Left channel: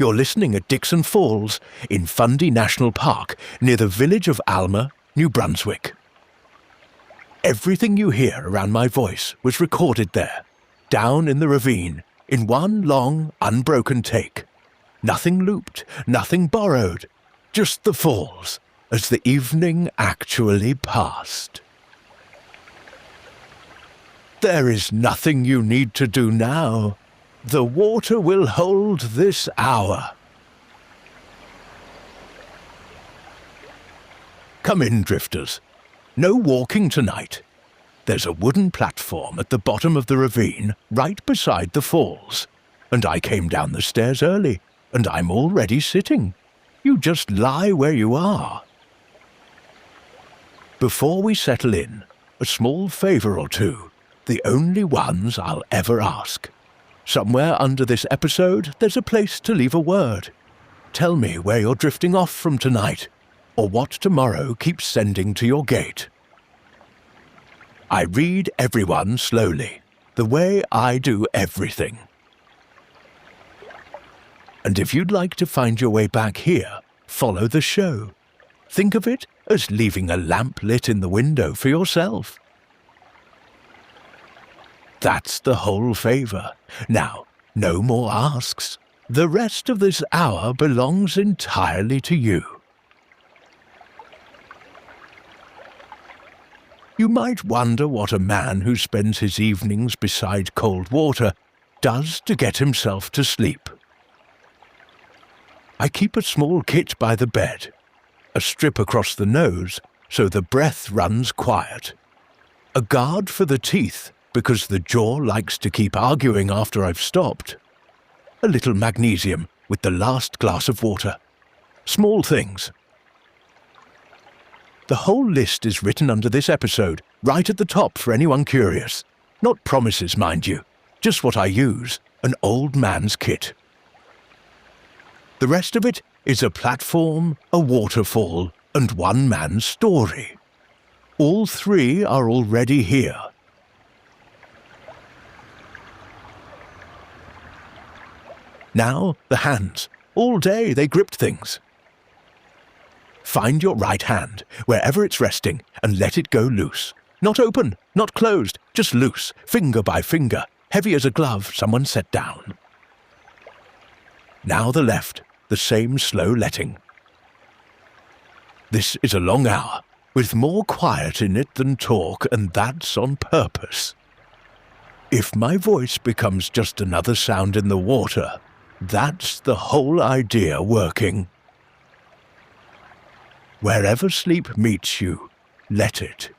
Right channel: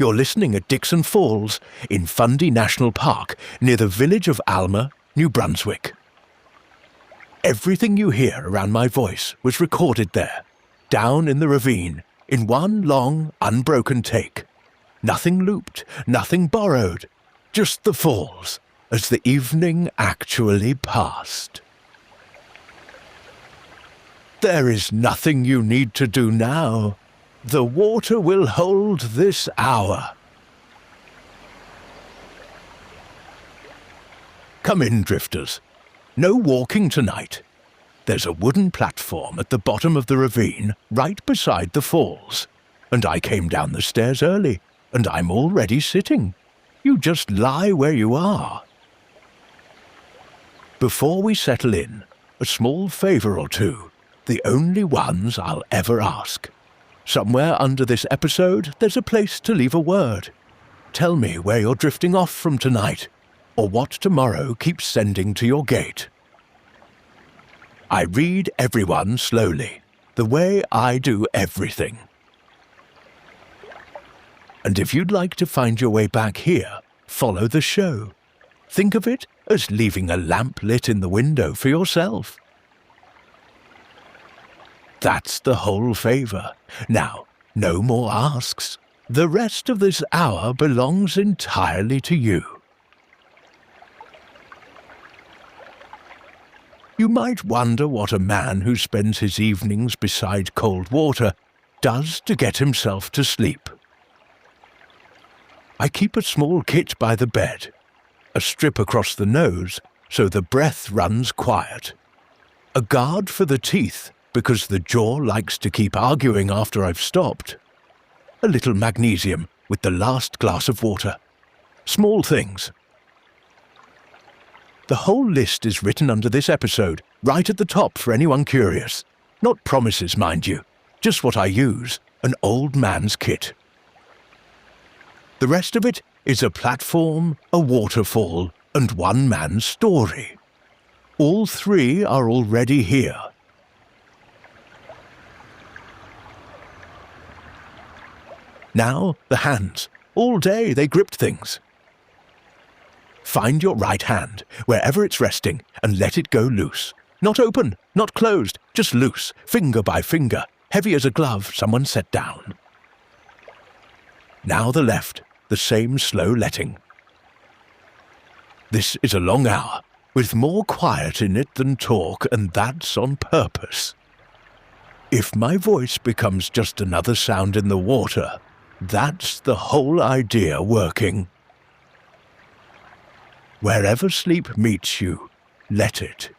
You're listening at Dickson Falls in Fundy National Park near the village of Alma, New Brunswick. Everything you hear around my voice was recorded there, down in the ravine, in one long, unbroken take. Nothing looped, nothing borrowed, just the falls as the evening actually passed. There is nothing you need to do now. The water will hold this hour. Come in, drifters. No walking tonight. There's a wooden platform at the bottom of the ravine right beside the falls, and I came down the stairs early, and I'm already sitting. You just lie where you are. Before we settle in, a small favor or two, the only ones I'll ever ask. Somewhere under this episode, there's a place to leave a word. Tell me where you're drifting off from tonight, or what tomorrow keeps sending to your gate. I read everyone slowly, the way I do everything. And if you'd like to find your way back here, follow the show. Think of it as leaving a lamp lit in the window for yourself. That's the whole favor. Now, no more asks. The rest of this hour belongs entirely to you. You might wonder what a man who spends his evenings beside cold water does to get himself to sleep. I keep a small kit by the bed, a strip across the nose so the breath runs quiet, a guard for the teeth because the jaw likes to keep arguing after I've stopped, a little magnesium with the last glass of water. Small things. The whole list is written under this episode, right at the top for anyone curious. Not promises, mind you, just what I use, an old man's kit. The rest of it is a platform, a waterfall, and one man's story. All three are already here. Now, the hands. All day they gripped things. Find your right hand, wherever it's resting, and let it go loose. Not open, not closed, just loose, finger by finger, heavy as a glove someone set down. Now the left, the same slow letting. This is a long hour, with more quiet in it than talk, and that's on purpose. If my voice becomes just another sound in the water, that's the whole idea working. Wherever sleep meets you, let it.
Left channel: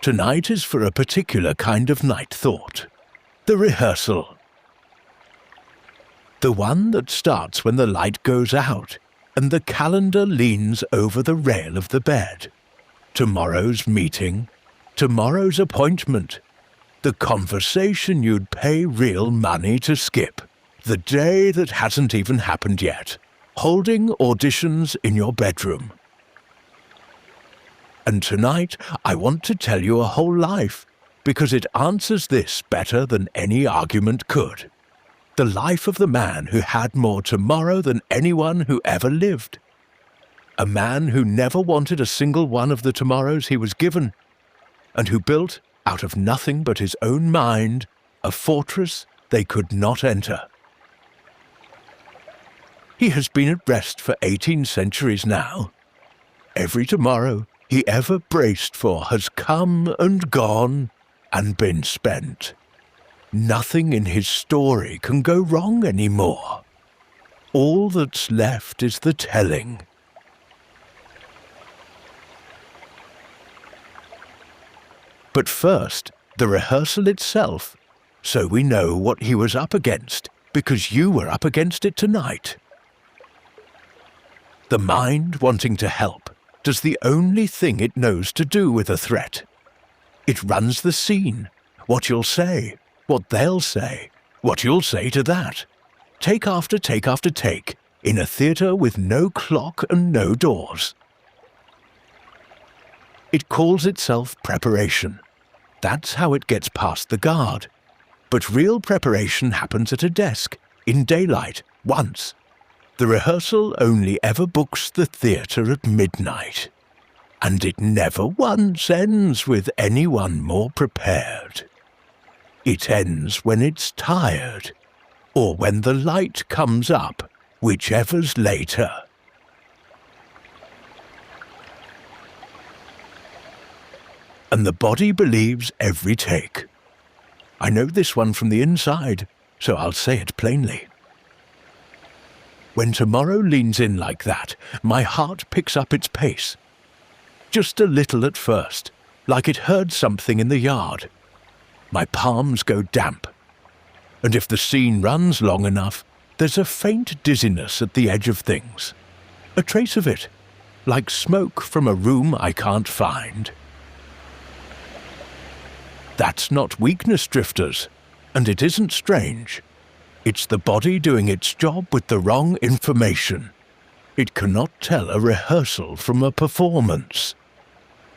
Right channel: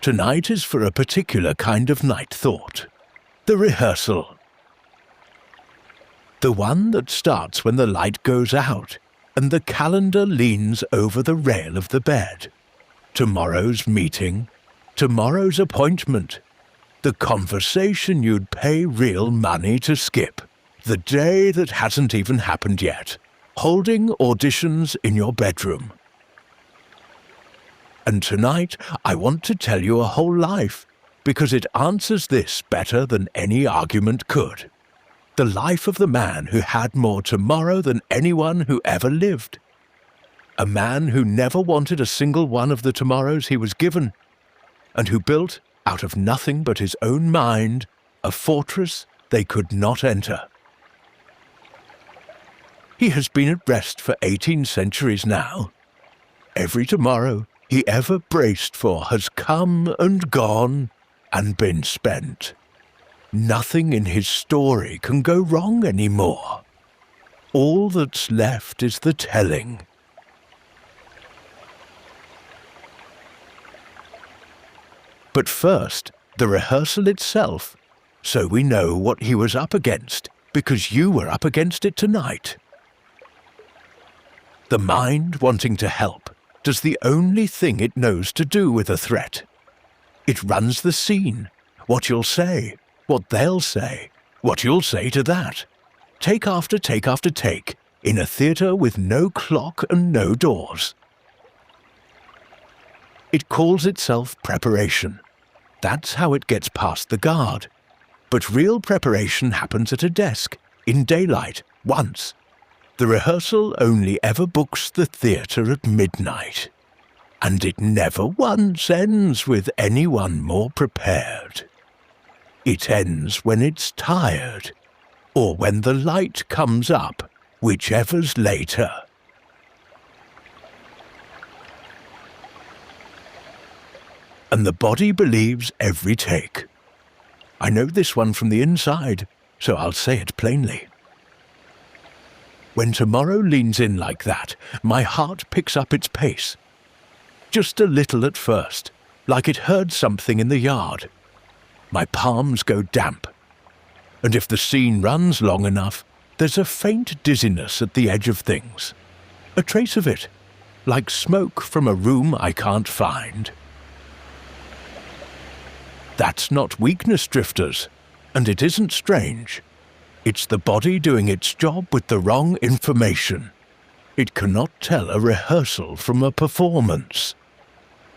Tonight is for a particular kind of night thought. The rehearsal. The one that starts when the light goes out and the calendar leans over the rail of the bed. Tomorrow's meeting, tomorrow's appointment, the conversation you'd pay real money to skip, the day that hasn't even happened yet, holding auditions in your bedroom. And tonight I want to tell you a whole life, because it answers this better than any argument could. The life of the man who had more tomorrow than anyone who ever lived. A man who never wanted a single one of the tomorrows he was given, and who built, out of nothing but his own mind, a fortress they could not enter. He has been at rest for 18 centuries now. Every tomorrow he ever braced for has come and gone and been spent. Nothing in his story can go wrong anymore. All that's left is the telling. But first, the rehearsal itself, so we know what he was up against, because you were up against it tonight. The mind, wanting to help, does the only thing it knows to do with a threat. It runs the scene, what you'll say, what they'll say, what you'll say to that. Take after take after take, in a theatre with no clock and no doors. It calls itself preparation. That's how it gets past the guard. But real preparation happens at a desk, in daylight, once. The rehearsal only ever books the theatre at midnight. And it never once ends with anyone more prepared. It ends when it's tired, or when the light comes up, whichever's later. And the body believes every take. I know this one from the inside, so I'll say it plainly. When tomorrow leans in like that, my heart picks up its pace. Just a little at first, like it heard something in the yard. My palms go damp. And if the scene runs long enough, there's a faint dizziness at the edge of things. A trace of it, like smoke from a room I can't find. That's not weakness, drifters, and it isn't strange. It's the body doing its job with the wrong information. It cannot tell a rehearsal from a performance.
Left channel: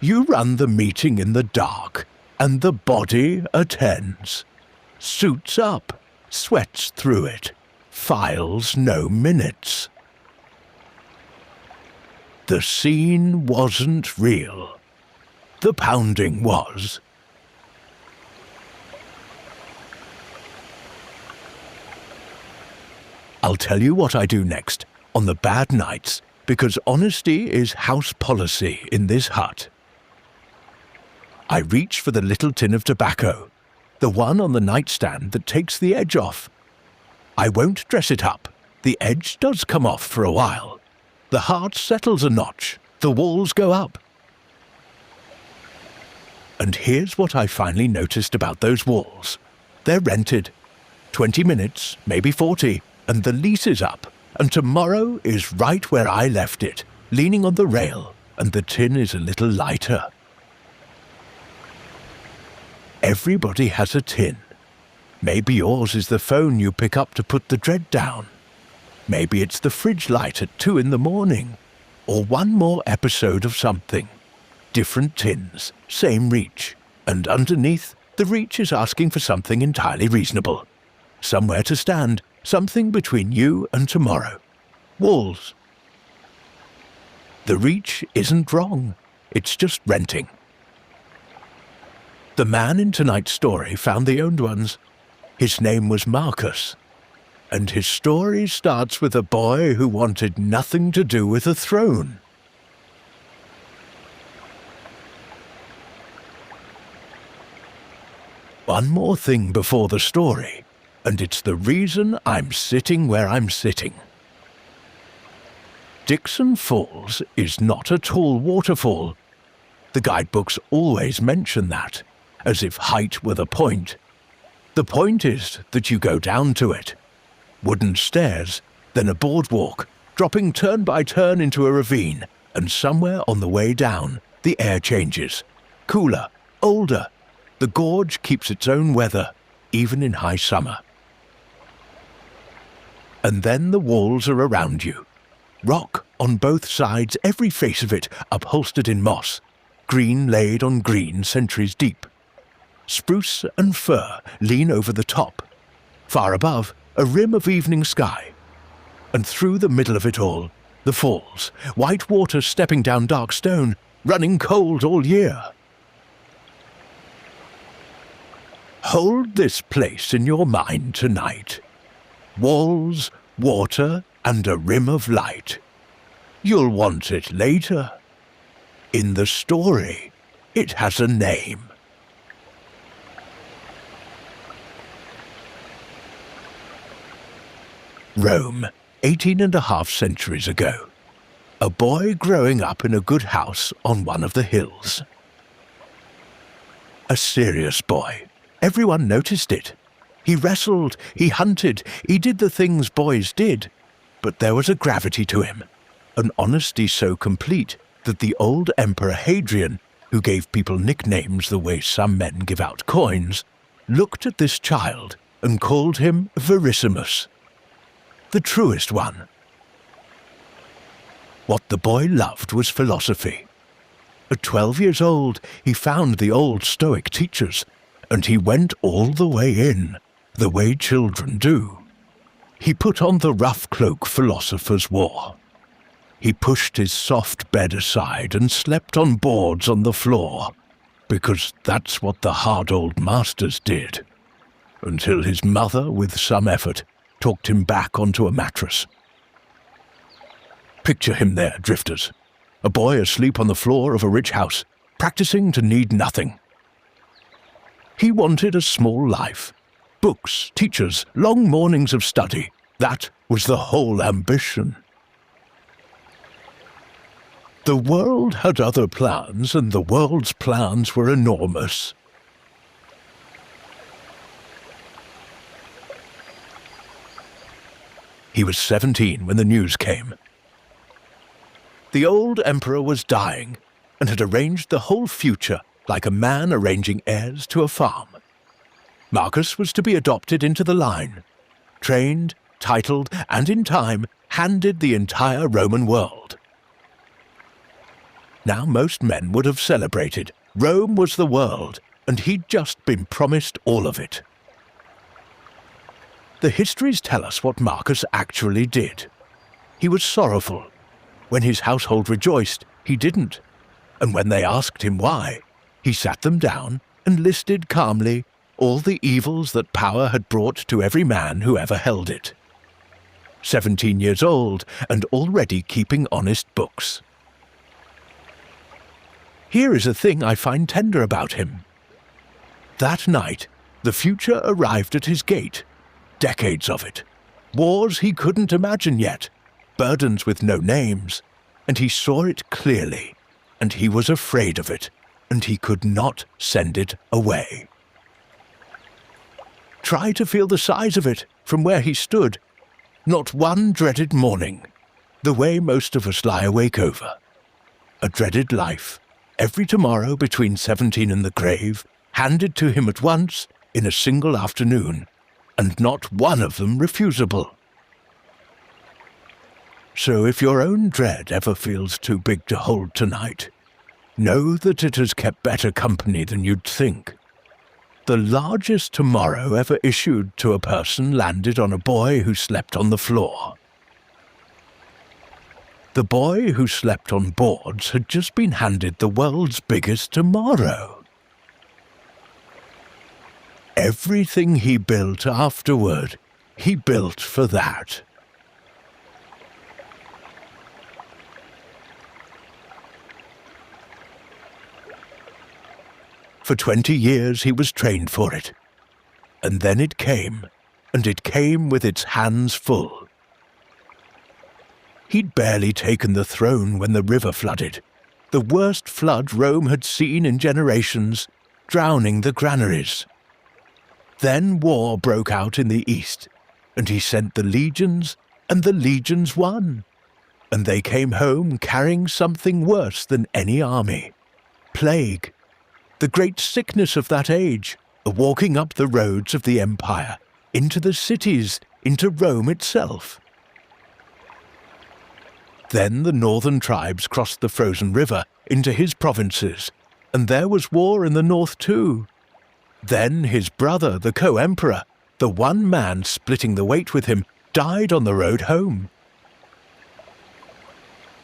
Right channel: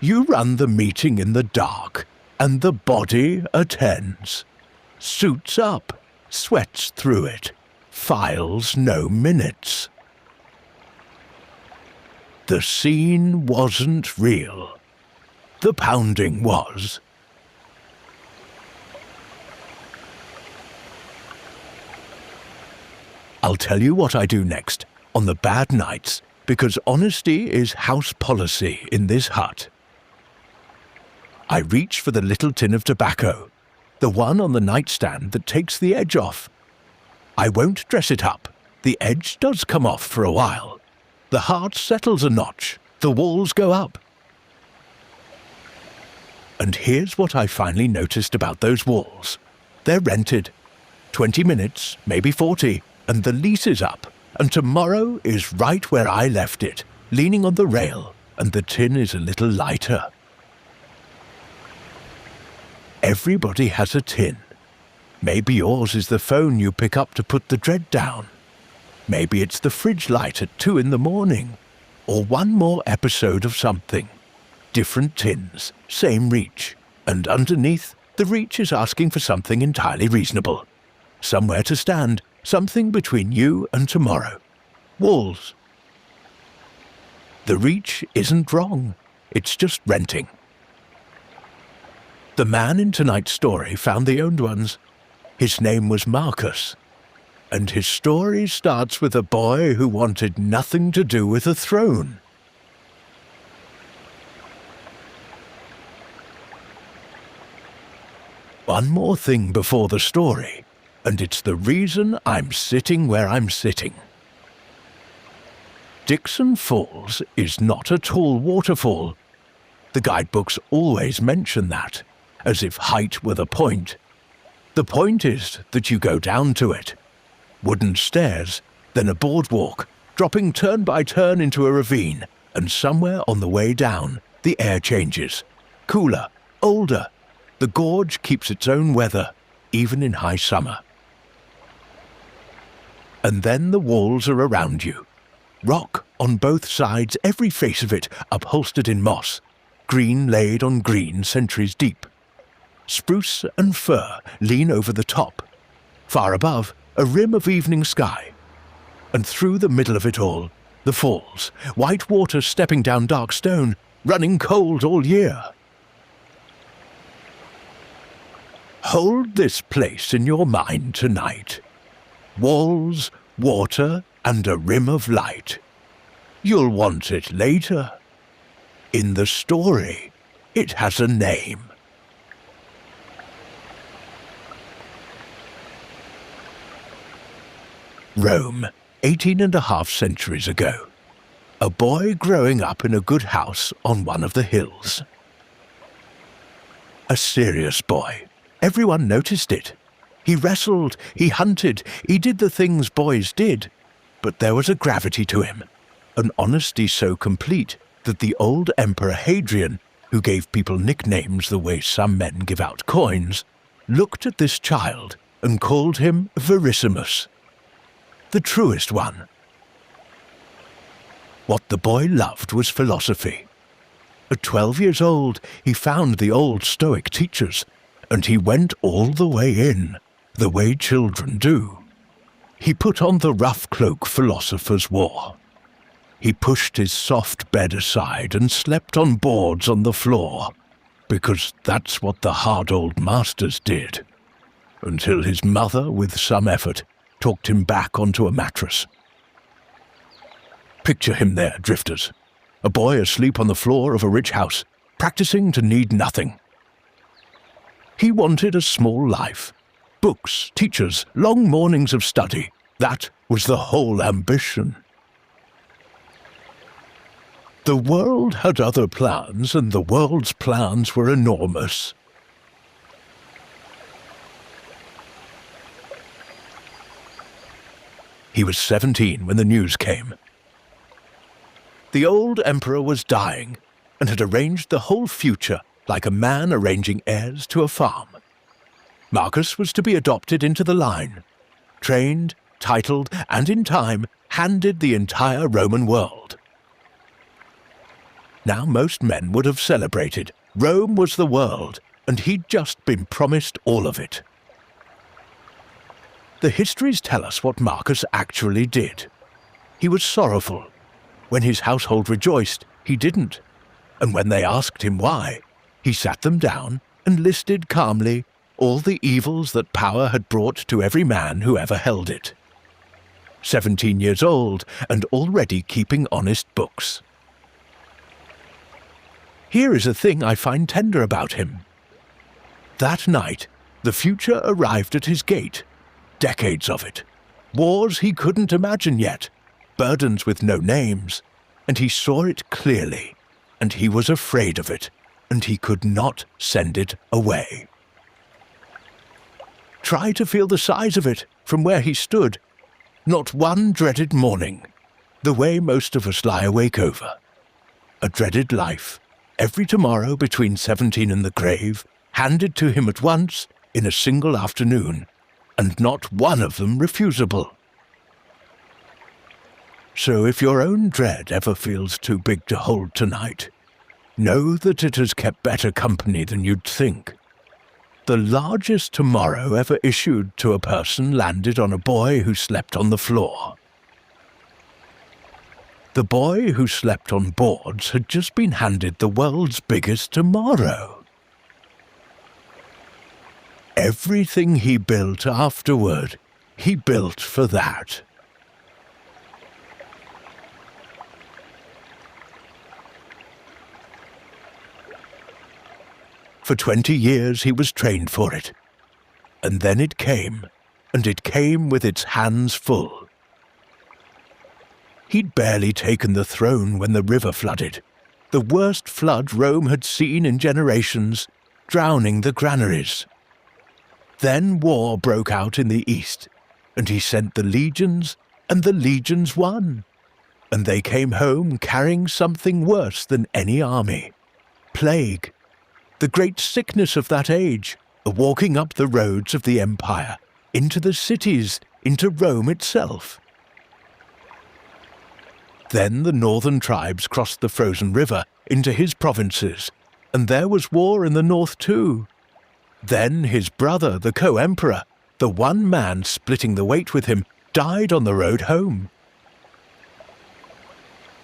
You run the meeting in the dark, and the body attends. Suits up, sweats through it, files no minutes. The scene wasn't real. The pounding was. I'll tell you what I do next, on the bad nights, because honesty is house policy in this hut. I reach for the little tin of tobacco, the one on the nightstand that takes the edge off. I won't dress it up. The edge does come off for a while. The heart settles a notch. The walls go up. And here's what I finally noticed about those walls. They're rented. 20 minutes, maybe 40. And the lease is up, and tomorrow is right where I left it, leaning on the rail, and the tin is a little lighter. Everybody has a tin. Maybe yours is the phone you pick up to put the dread down. Maybe it's the fridge light at 2 in the morning, or one more episode of something. Different tins, same reach, and underneath, the reach is asking for something entirely reasonable. Somewhere to stand, something between you and tomorrow. Walls. The reach isn't wrong. It's just renting. The man in tonight's story found the owned ones. His name was Marcus. And his story starts with a boy who wanted nothing to do with a throne. One more thing before the story. And it's the reason I'm sitting where I'm sitting. Dickson Falls is not a tall waterfall. The guidebooks always mention that, as if height were the point. The point is that you go down to it. Wooden stairs, then a boardwalk, dropping turn by turn into a ravine, and somewhere on the way down, the air changes. Cooler, older. The gorge keeps its own weather, even in high summer. And then the walls are around you. Rock on both sides, every face of it upholstered in moss, green laid on green centuries deep. Spruce and fir lean over the top. Far above, a rim of evening sky. And through the middle of it all, the falls, white water stepping down dark stone, running cold all year. Hold this place in your mind tonight. Walls, water, and a rim of light. You'll want it later. In the story, it has a name. Rome, 18½ centuries ago. A boy growing up in a good house on one of the hills. A serious boy. Everyone noticed it. He wrestled, he hunted, he did the things boys did. But there was a gravity to him, an honesty so complete that the old Emperor Hadrian, who gave people nicknames the way some men give out coins, looked at this child and called him Verissimus, the truest one. What the boy loved was philosophy. At 12 years old, he found the old Stoic teachers, and he went all the way in. the way children do. He put on the rough cloak philosophers wore. He pushed his soft bed aside and slept on boards on the floor, because that's what the hard old masters did, until his mother, with some effort, talked him back onto a mattress. Picture him there, drifters, a boy asleep on the floor of a rich house, practicing to need nothing. He wanted a small life. Books, teachers, long mornings of study. That was the whole ambition. The world had other plans, and the world's plans were enormous. He was 17 when the news came. The old emperor was dying, and had arranged the whole future like a man arranging heirs to a farm. Marcus was to be adopted into the line, trained, titled, and in time handed the entire Roman world. Now most men would have celebrated. Rome was the world, and he'd just been promised all of it. The histories tell us what Marcus actually did. He was sorrowful. When his household rejoiced, he didn't. And when they asked him why, he sat them down and listed calmly all the evils that power had brought to every man who ever held it. 17 years old and already keeping honest books. Here is a thing I find tender about him. That night, the future arrived at his gate. Decades of it. Wars he couldn't imagine yet. Burdens with no names. And he saw it clearly. And he was afraid of it. And he could not send it away. Try to feel the size of it from where he stood. Not one dreaded morning. The way most of us lie awake over. A dreaded life. Every tomorrow between 17 and the grave, handed to him at once in a single afternoon, and not one of them refusable. So if your own dread ever feels too big to hold tonight, know that it has kept better company than you'd think. The largest tomorrow ever issued to a person landed on a boy who slept on the floor. The boy who slept on boards had just been handed the world's biggest tomorrow. Everything he built afterward, he built for that. For 20 years he was trained for it. And then it came, and it came with its hands full. He'd barely taken the throne when the river flooded, the worst flood Rome had seen in generations, drowning the granaries. Then war broke out in the east, and he sent the legions, and the legions won. And they came home carrying something worse than any army. Plague. The great sickness of that age, walking up the roads of the empire, into the cities, into Rome itself. Then the northern tribes crossed the frozen river into his provinces, and there was war in the north too. Then his brother, the co-emperor, the one man splitting the weight with him, died on the road home.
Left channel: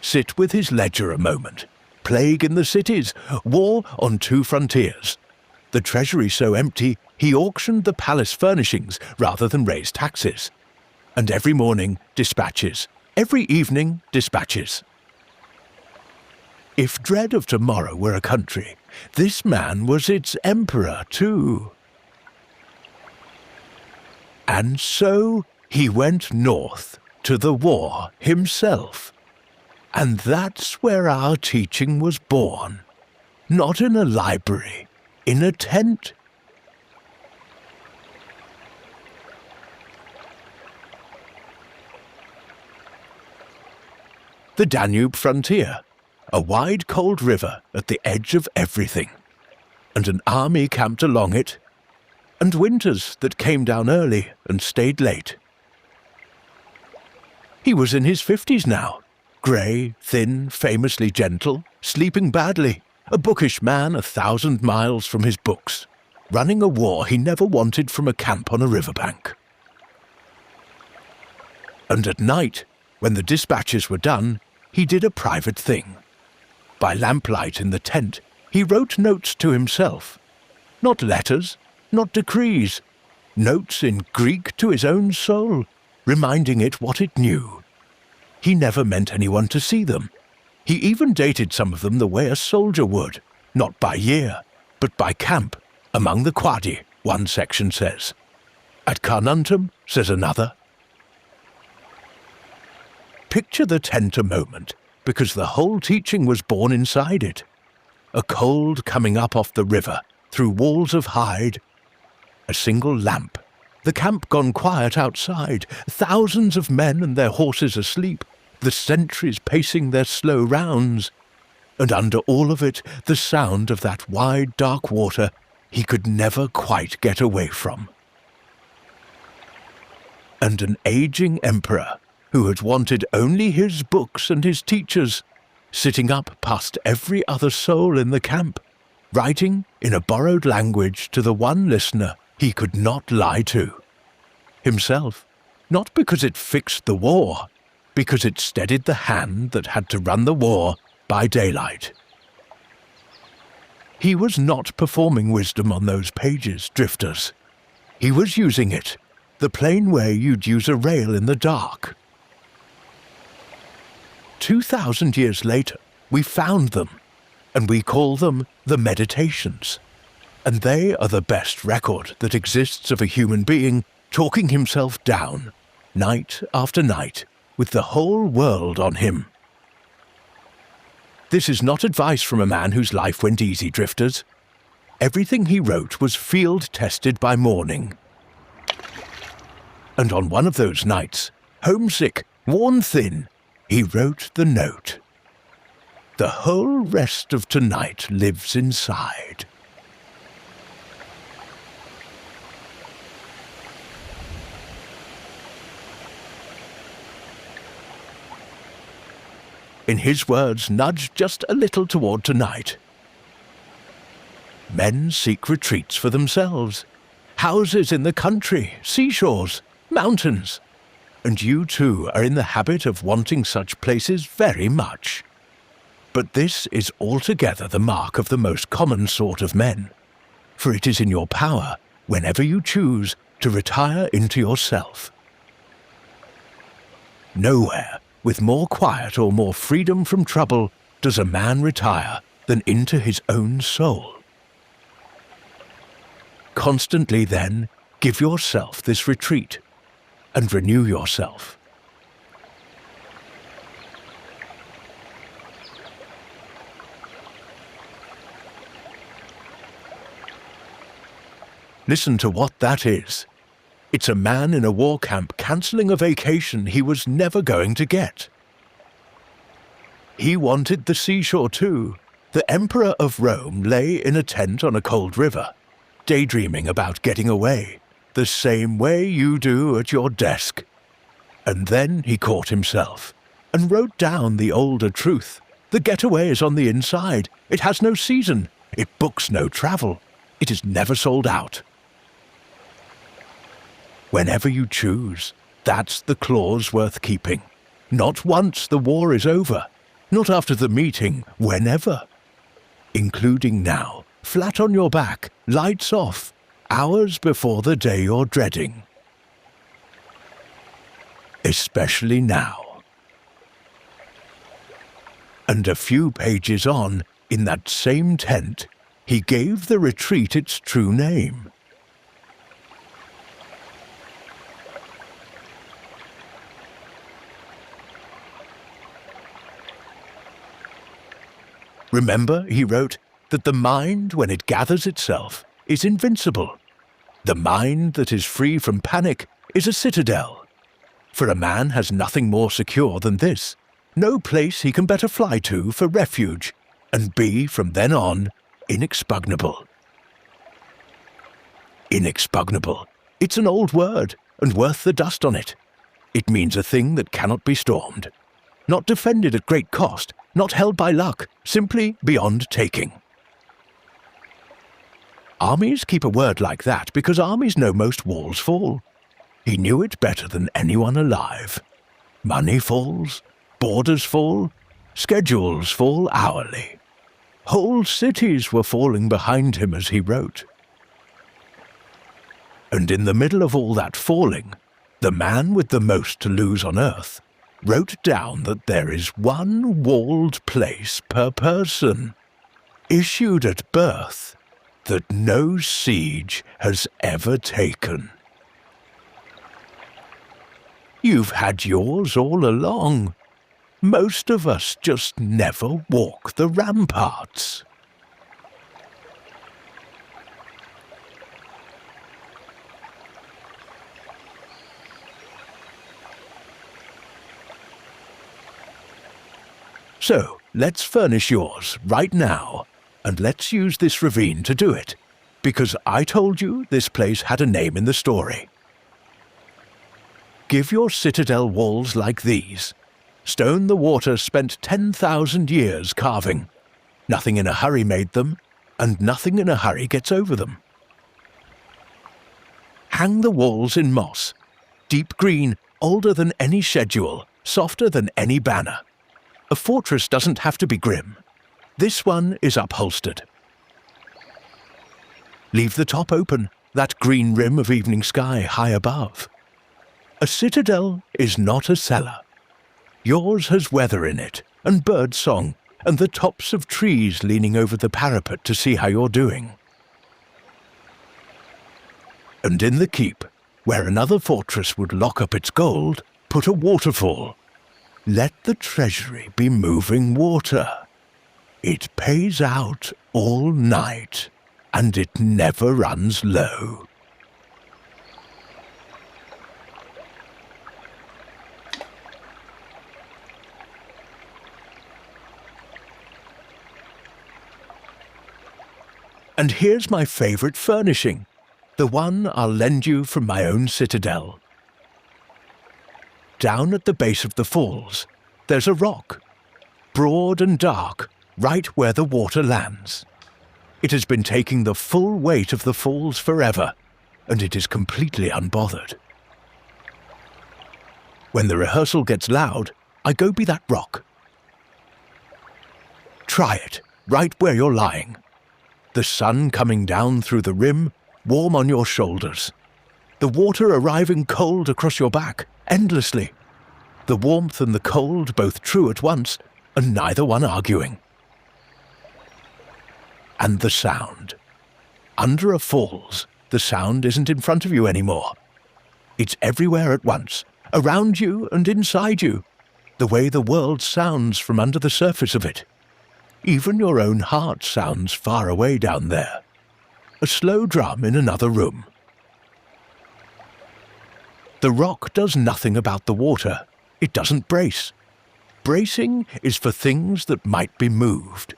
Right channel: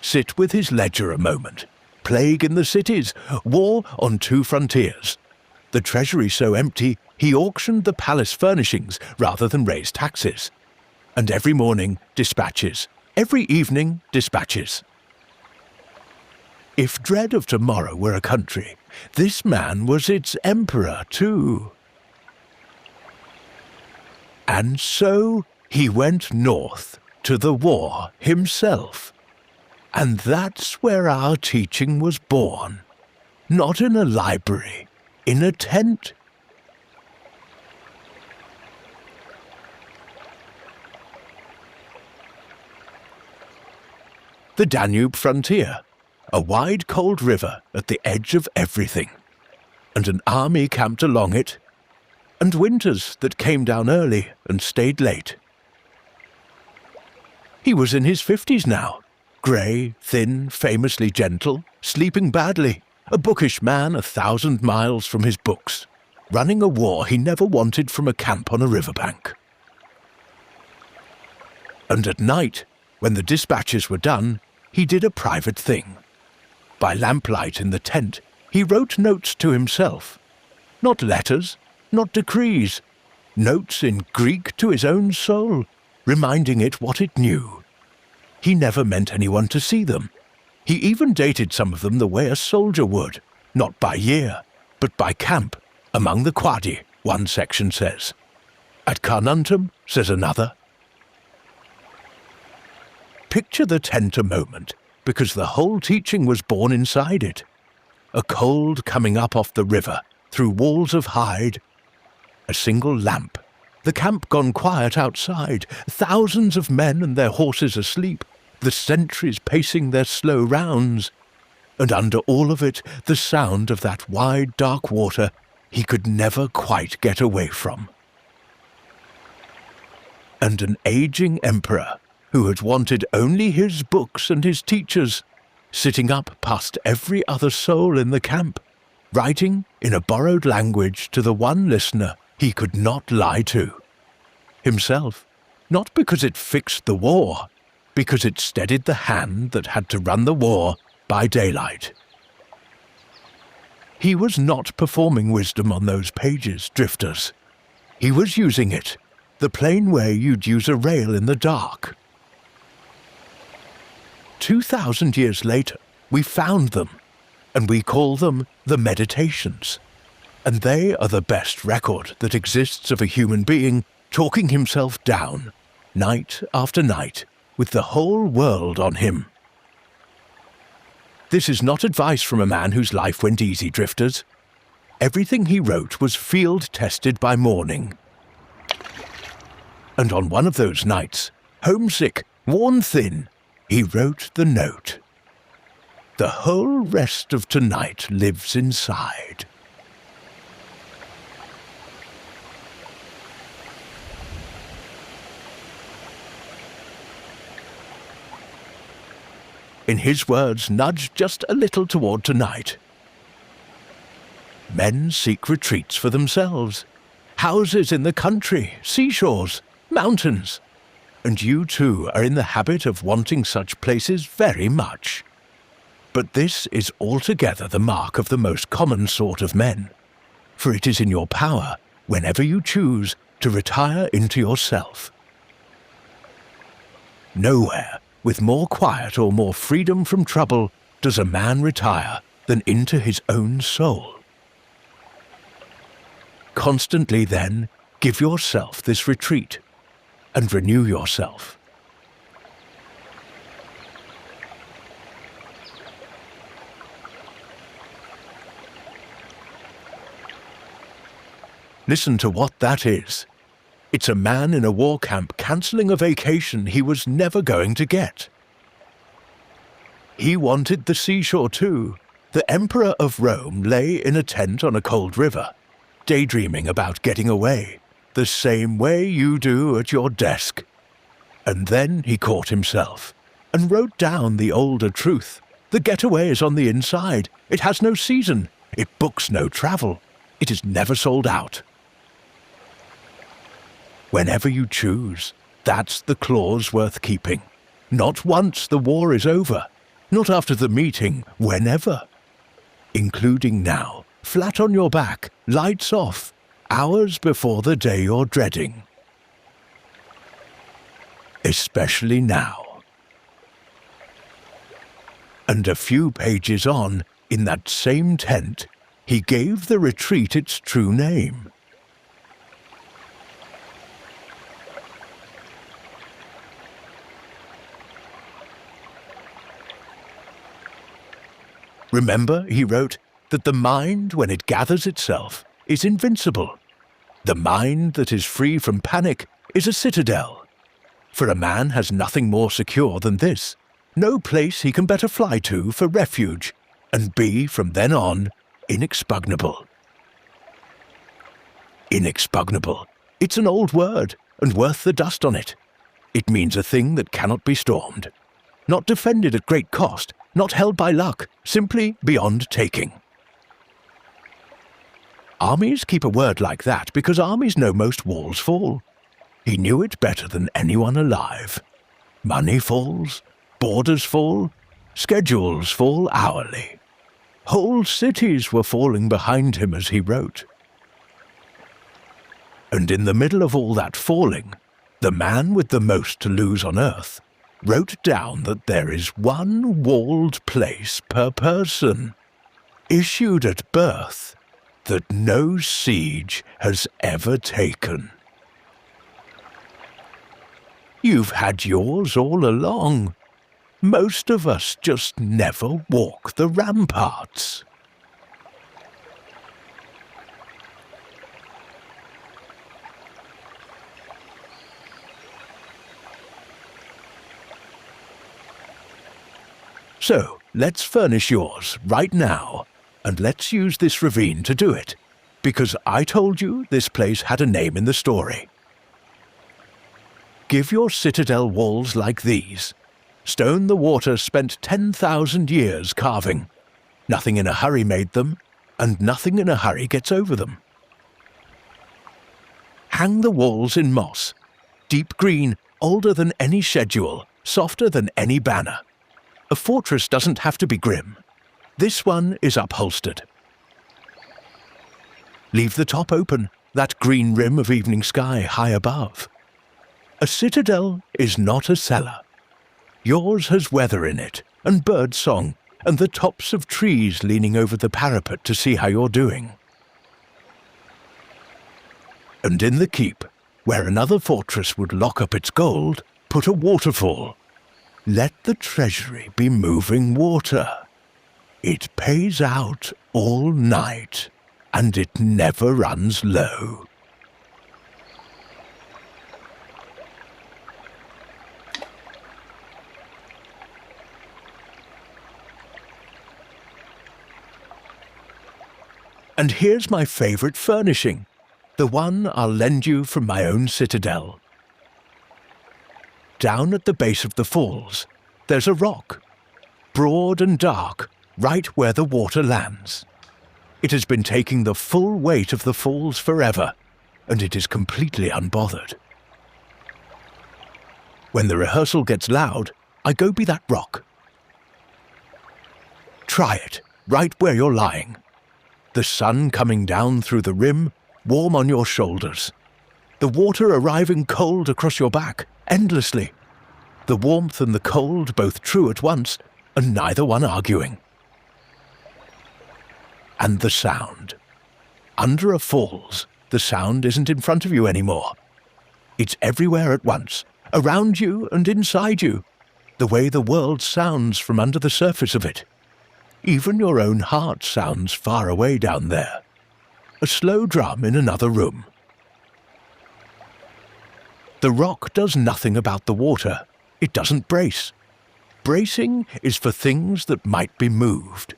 Sit with his ledger a moment. Plague in the cities, war on two frontiers. The treasury so empty, he auctioned the palace furnishings rather than raise taxes. And every morning, dispatches. Every evening, dispatches. If dread of tomorrow were a country, this man was its emperor too. And so he went north to the war himself. And that's where our teaching was born. Not in a library, in a tent. The Danube frontier, a wide cold river at the edge of everything, and an army camped along it, and winters that came down early and stayed late. He was in his 50s now, grey, thin, famously gentle, sleeping badly, a bookish man 1,000 miles from his books. running a war he never wanted from a camp on a riverbank. And at night, when the dispatches were done, he did a private thing. By lamplight in the tent, he wrote notes to himself. Not letters, not decrees. Notes in Greek to his own soul, reminding it what it knew. He never meant anyone to see them. He even dated some of them the way a soldier would, not by year, but by camp, among the quadi, one section says. At Carnuntum, says another. Picture the tent a moment, because the whole teaching was born inside it. A cold coming up off the river, through walls of hide. A single lamp. The camp gone quiet outside, thousands of men and their horses asleep, the sentries pacing their slow rounds. And under all of it, the sound of that wide, dark water he could never quite get away from. And an aging emperor, who had wanted only his books and his teachers, sitting up past every other soul in the camp, writing in a borrowed language to the one listener he could not lie to. Himself, not because it fixed the war, because it steadied the hand that had to run the war by daylight. He was not performing wisdom on those pages, drifters. He was using it, the plain way you'd use a rail in the dark. 2,000 years later, we found them, and we call them the Meditations. And they are the best record that exists of a human being talking himself down, night after night, with the whole world on him. This is not advice from a man whose life went easy, drifters. Everything he wrote was field-tested by morning. And on one of those nights, homesick, worn thin, he wrote the note. The whole rest of tonight lives inside. In his words, nudged just a little toward tonight. Men seek retreats for themselves, houses in the country, seashores, mountains. And you too are in the habit of wanting such places very much. But this is altogether the mark of the most common sort of men, for it is in your power, whenever you choose, to retire into yourself. Nowhere, with more quiet or more freedom from trouble, does a man retire than into his own soul. Constantly, then, give yourself this retreat, and renew yourself. Listen to what that is. It's a man in a war camp cancelling a vacation he was never going to get. He wanted the seashore too. The Emperor of Rome lay in a tent on a cold river, daydreaming about getting away, the same way you do at your desk. And then he caught himself, and wrote down the older truth. The getaway is on the inside. It has no season. It books no travel. It is never sold out. Whenever you choose, that's the clause worth keeping. Not once the war is over, not after the meeting, whenever. Including now, flat on your back, lights off, hours before the day you're dreading. Especially now. And a few pages on, in that same tent, he gave the retreat its true name. Remember, he wrote, that the mind, when it gathers itself, is invincible. The mind that is free from panic is a citadel. For a man has nothing more secure than this, no place he can better fly to for refuge, and be, from then on, inexpugnable. Inexpugnable. It's an old word, and worth the dust on it. It means a thing that cannot be stormed. Not defended at great cost, not held by luck, simply beyond taking. Armies keep a word like that because armies know most walls fall. He knew it better than anyone alive. Money falls, borders fall, schedules fall hourly. Whole cities were falling behind him as he wrote. And in the middle of all that falling, the man with the most to lose on earth wrote down that there is one walled place per person, issued at birth, that no siege has ever taken. You've had yours all along. Most of us just never walk the ramparts. So, let's furnish yours right now, and let's use this ravine to do it, because I told you this place had a name in the story. Give your citadel walls like these. Stone the water spent 10,000 years carving. Nothing in a hurry made them, and nothing in a hurry gets over them. Hang the walls in moss, deep green, older than any schedule, softer than any banner. A fortress doesn't have to be grim. This one is upholstered. Leave the top open, that green rim of evening sky high above. A citadel is not a cellar. Yours has weather in it, and bird song, and the tops of trees leaning over the parapet to see how you're doing. And in the keep, where another fortress would lock up its gold, put a waterfall. Let the treasury be moving water. It pays out all night, and it never runs low. And here's my favorite furnishing, the one I'll lend you from my own citadel. Down at the base of the falls, there's a rock, broad and dark, right where the water lands. It has been taking the full weight of the falls forever, and it is completely unbothered. When the rehearsal gets loud, I go be that rock. Try it, right where you're lying. The sun coming down through the rim, warm on your shoulders. The water arriving cold across your back, endlessly. The warmth and the cold both true at once, and neither one arguing. And the sound. Under a falls, the sound isn't in front of you anymore. It's everywhere at once, around you and inside you, the way the world sounds from under the surface of it. Even your own heart sounds far away down there. A slow drum in another room. The rock does nothing about the water. It doesn't brace. Bracing is for things that might be moved.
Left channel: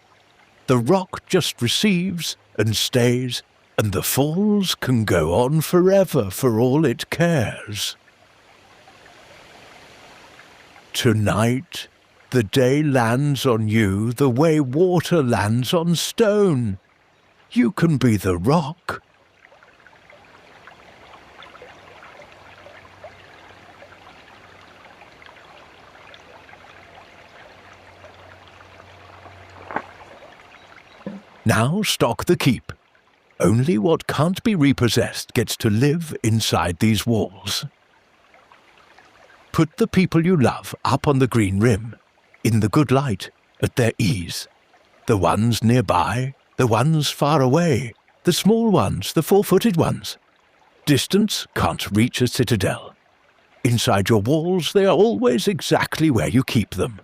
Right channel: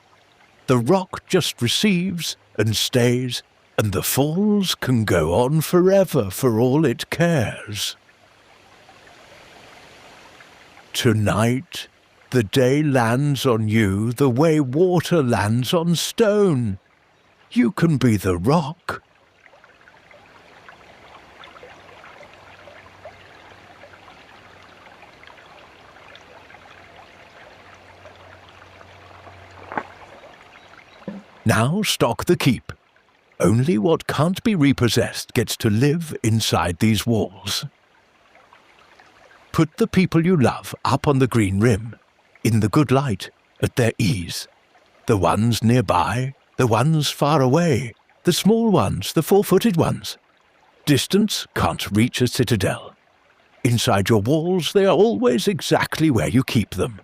The rock just receives and stays, and the falls can go on forever for all it cares. Tonight, the day lands on you the way water lands on stone. You can be the rock. Now stock the keep. Only what can't be repossessed gets to live inside these walls. Put the people you love up on the green rim, in the good light, at their ease. The ones nearby, the ones far away, the small ones, the four-footed ones. Distance can't reach a citadel. Inside your walls they are always exactly where you keep them.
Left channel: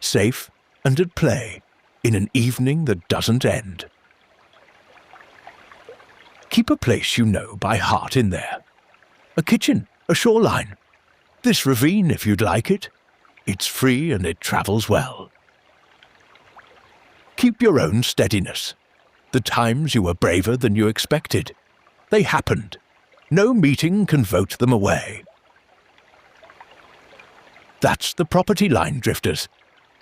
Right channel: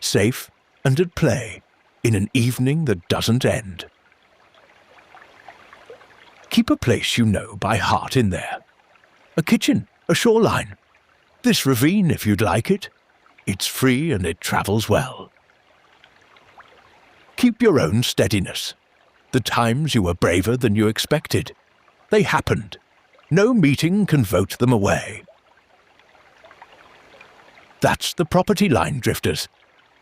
Safe and at play, in an evening that doesn't end. Keep a place you know by heart in there. A kitchen, a shoreline. This ravine if you'd like it. It's free and it travels well. Keep your own steadiness. The times you were braver than you expected. They happened. No meeting can vote them away. That's the property line, drifters.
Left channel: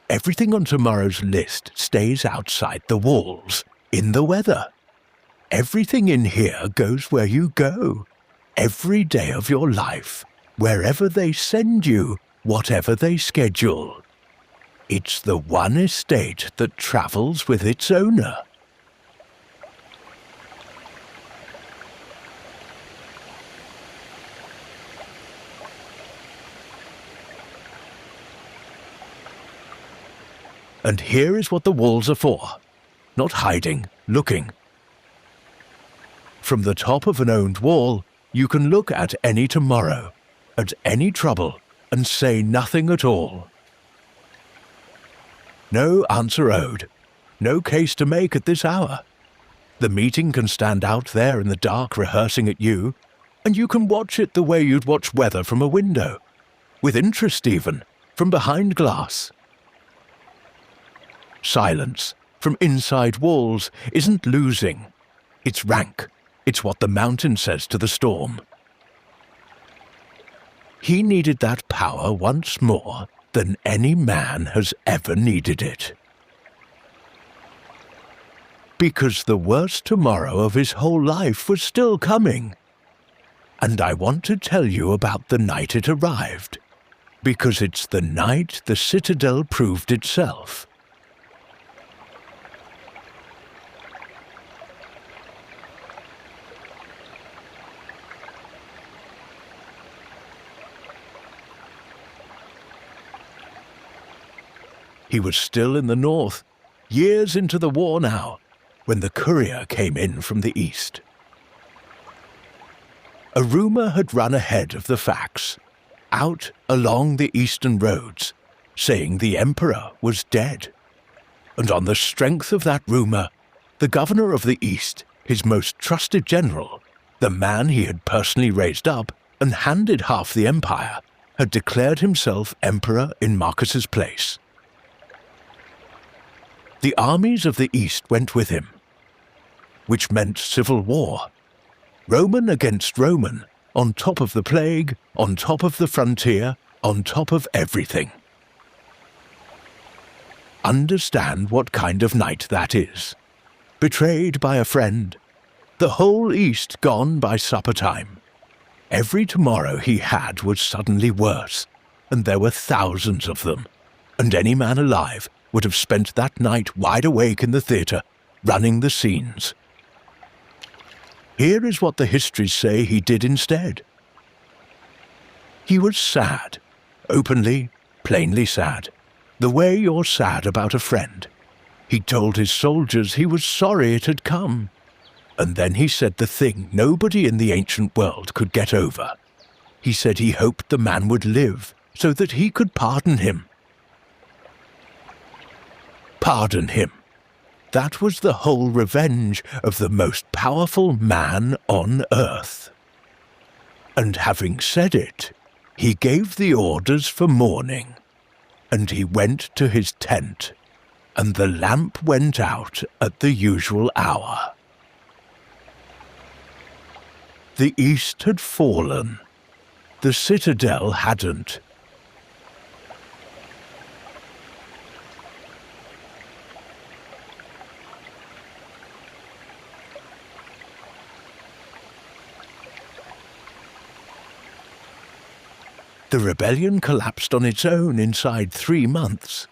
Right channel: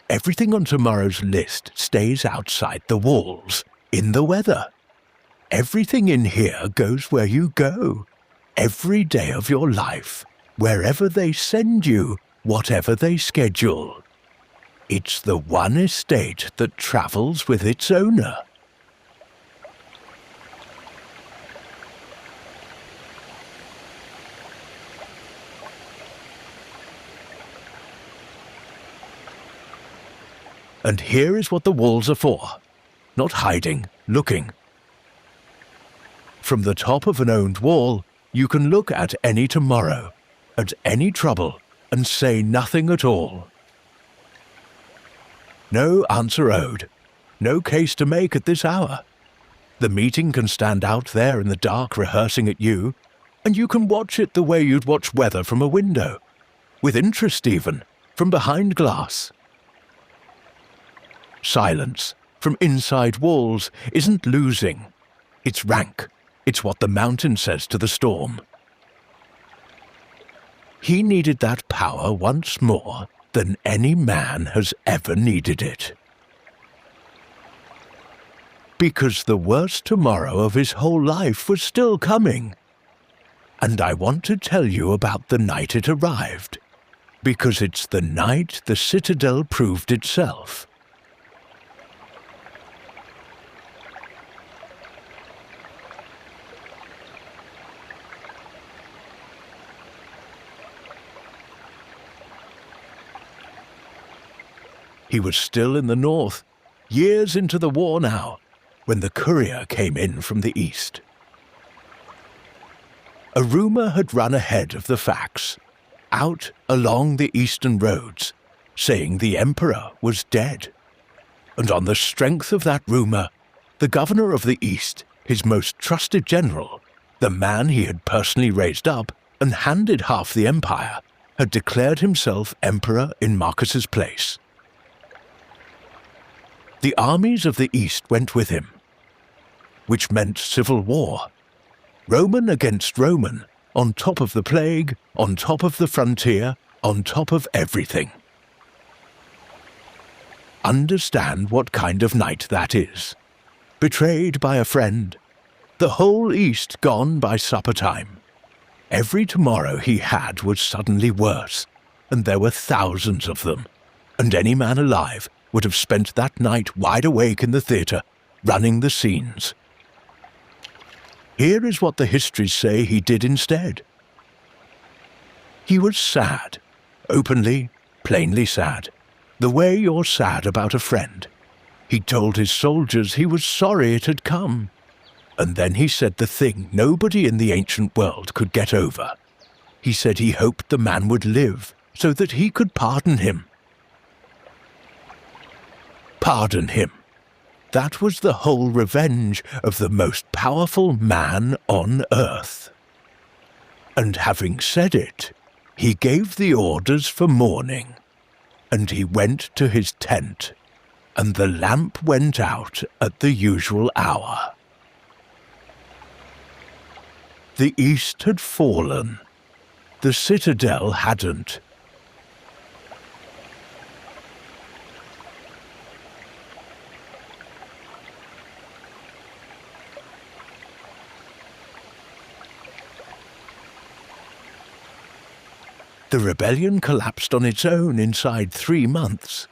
Everything on tomorrow's list stays outside the walls, in the weather. Everything in here goes where you go, every day of your life, wherever they send you, whatever they schedule. It's the one estate that travels with its owner. And here is what the walls are for. Not hiding, looking. From the top of an owned wall, you can look at any tomorrow, at any trouble, and say nothing at all. No answer owed, no case to make at this hour. The meeting can stand out there in the dark rehearsing at you, and you can watch it the way you'd watch weather from a window, with interest even, from behind glass. Silence, from inside walls, isn't losing. It's rank. It's what the mountain says to the storm. He needed that power once more than any man has ever needed it. Because the worst tomorrow of his whole life was still coming. And I want to tell you about the night it arrived, because it's the night the Citadel proved itself. He was still in the north, years into the war now, when the Courier came in from the east. A rumour had run ahead of the facts, out along the eastern roads, saying the Emperor was dead. And on the strength of that rumour, the governor of the East, his most trusted general, the man he had personally raised up and handed half the empire, had declared himself emperor in Marcus's place. The armies of the East went with him, which meant civil war. Roman against Roman, on top of the plague, on top of the frontier, on top of everything. Understand what kind of night that is. Betrayed by a friend. The whole East gone by supper time. Every tomorrow he had was suddenly worse, and there were thousands of them, and any man alive would have spent that night wide awake in the theatre, running the scenes. Here is what the histories say he did instead. He was sad, openly, plainly sad, the way you're sad about a friend. He told his soldiers he was sorry it had come, and then he said the thing nobody in the ancient world could get over. He said he hoped the man would live so that he could pardon him. Pardon him. That was the whole revenge of the most powerful man on earth. And having said it, he gave the orders for mourning, and he went to his tent, and the lamp went out at the usual hour. The East had fallen. The Citadel hadn't. The rebellion collapsed on its own inside 3 months.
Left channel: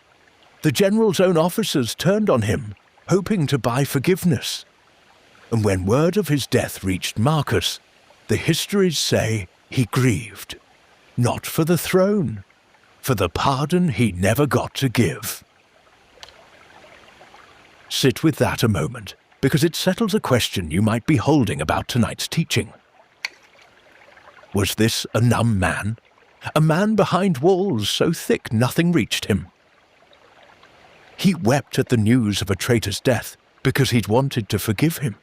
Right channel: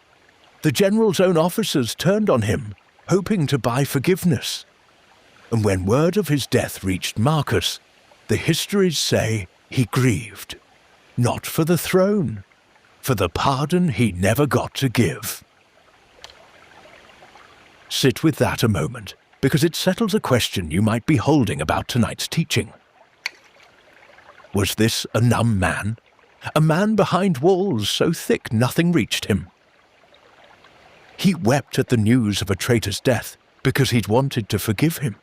The general's own officers turned on him, hoping to buy forgiveness. And when word of his death reached Marcus, the histories say he grieved, not for the throne, for the pardon he never got to give. Sit with that a moment, because it settles a question you might be holding about tonight's teaching. Was this a numb man? A man behind walls so thick nothing reached him? He wept at the news of a traitor's death because he'd wanted to forgive him.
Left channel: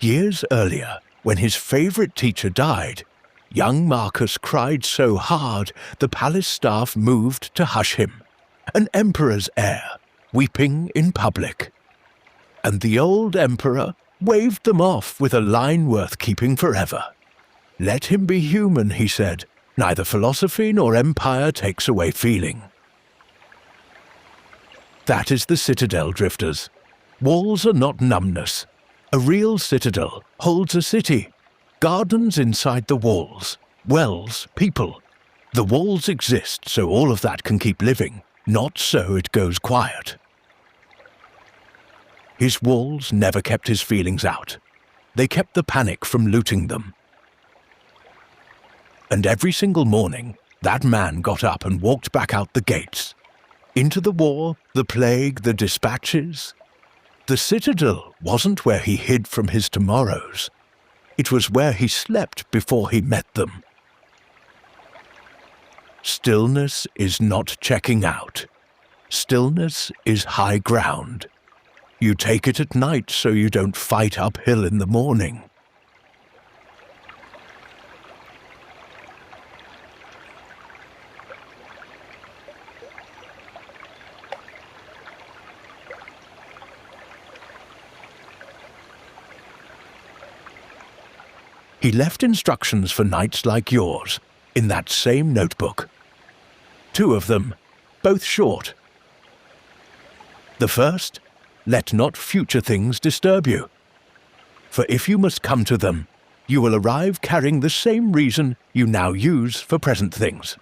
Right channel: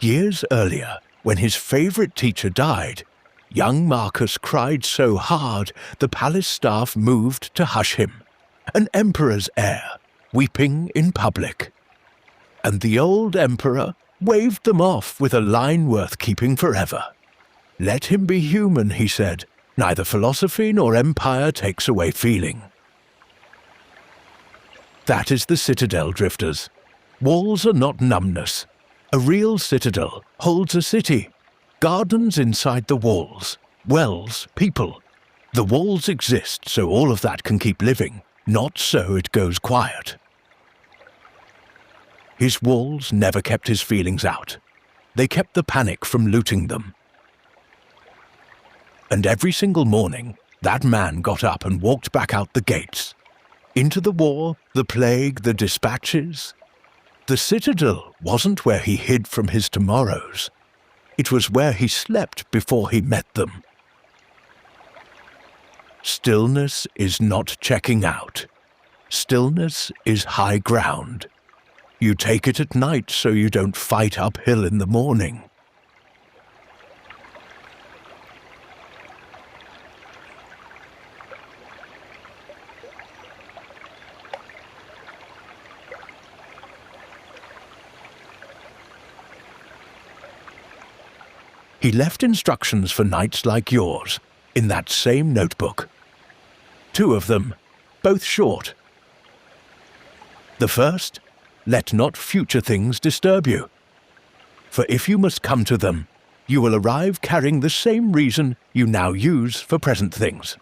Years earlier, when his favourite teacher died, young Marcus cried so hard the palace staff moved to hush him, an emperor's heir, weeping in public. And the old emperor waved them off with a line worth keeping forever. Let him be human, he said. Neither philosophy nor empire takes away feeling. That is the Citadel, drifters. Walls are not numbness. A real citadel holds a city, gardens inside the walls, wells, people. The walls exist so all of that can keep living, not so it goes quiet. His walls never kept his feelings out. They kept the panic from looting them. And every single morning, that man got up and walked back out the gates. Into the war, the plague, the dispatches. The citadel wasn't where he hid from his tomorrows. It was where he slept before he met them. Stillness is not checking out. Stillness is high ground. You take it at night so you don't fight uphill in the morning. He left instructions for nights like yours in that same notebook. 2 of them, both short. The first, let not future things disturb you. For if you must come to them, you will arrive carrying the same reason you now use for present things.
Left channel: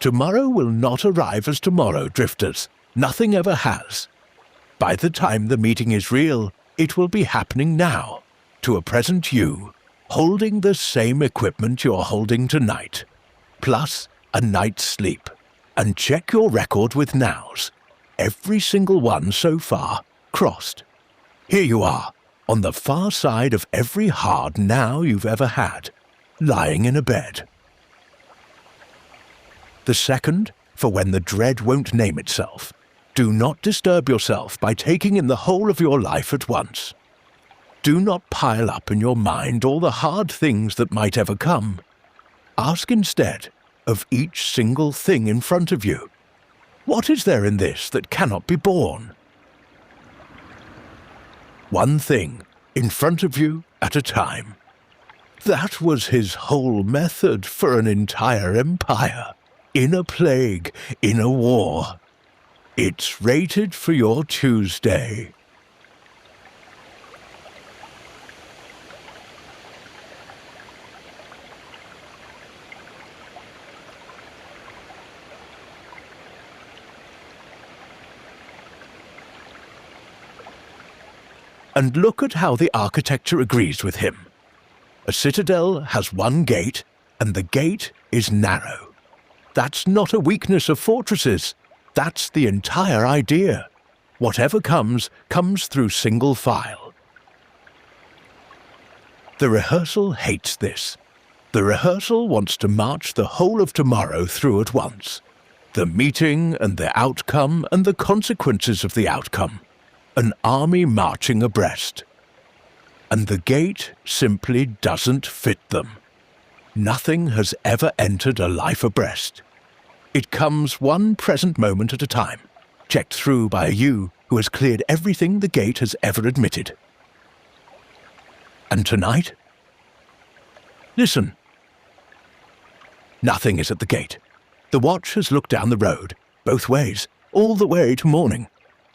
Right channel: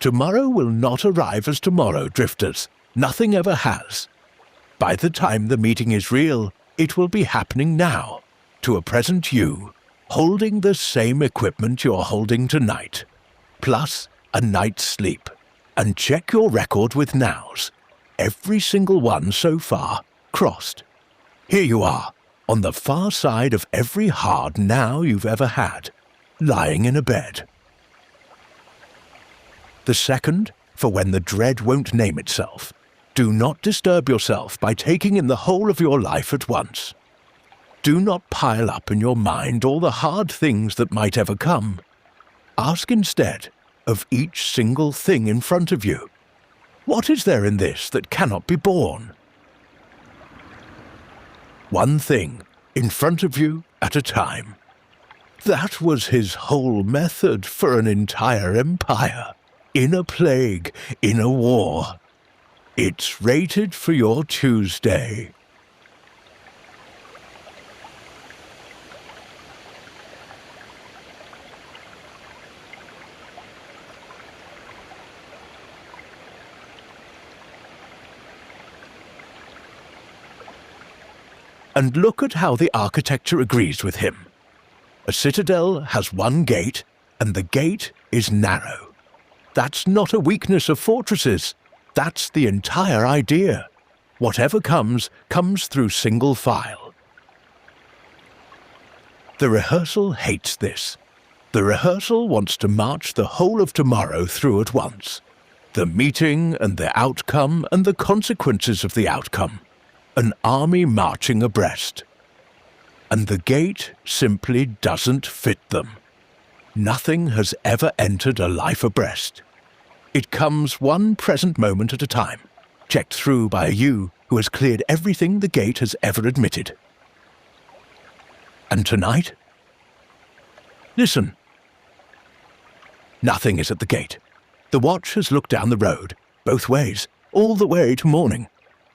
Tomorrow will not arrive as tomorrow, drifters. Nothing ever has. By the time the meeting is real, it will be happening now, to a present you, holding the same equipment you're holding tonight, plus a night's sleep. And check your record with nows. Every single one so far crossed. Here you are, on the far side of every hard now you've ever had, lying in a bed. The second, for when the dread won't name itself. Do not disturb yourself by taking in the whole of your life at once. Do not pile up in your mind all the hard things that might ever come. Ask instead of each single thing in front of you. What is there in this that cannot be borne? One thing in front of you at a time. That was his whole method for an entire empire. In a plague, in a war. It's rated for your Tuesday. And look at how the architecture agrees with him. A citadel has one gate, and the gate is narrow. That's not a weakness of fortresses. That's the entire idea. Whatever comes, comes through single file. The rehearsal hates this. The rehearsal wants to march the whole of tomorrow through at once. The meeting and the outcome and the consequences of the outcome. An army marching abreast. And the gate simply doesn't fit them. Nothing has ever entered a life abreast. It comes one present moment at a time, checked through by a you who has cleared everything the gate has ever admitted. And tonight? Listen. Nothing is at the gate. The watch has looked down the road, both ways, all the way to morning.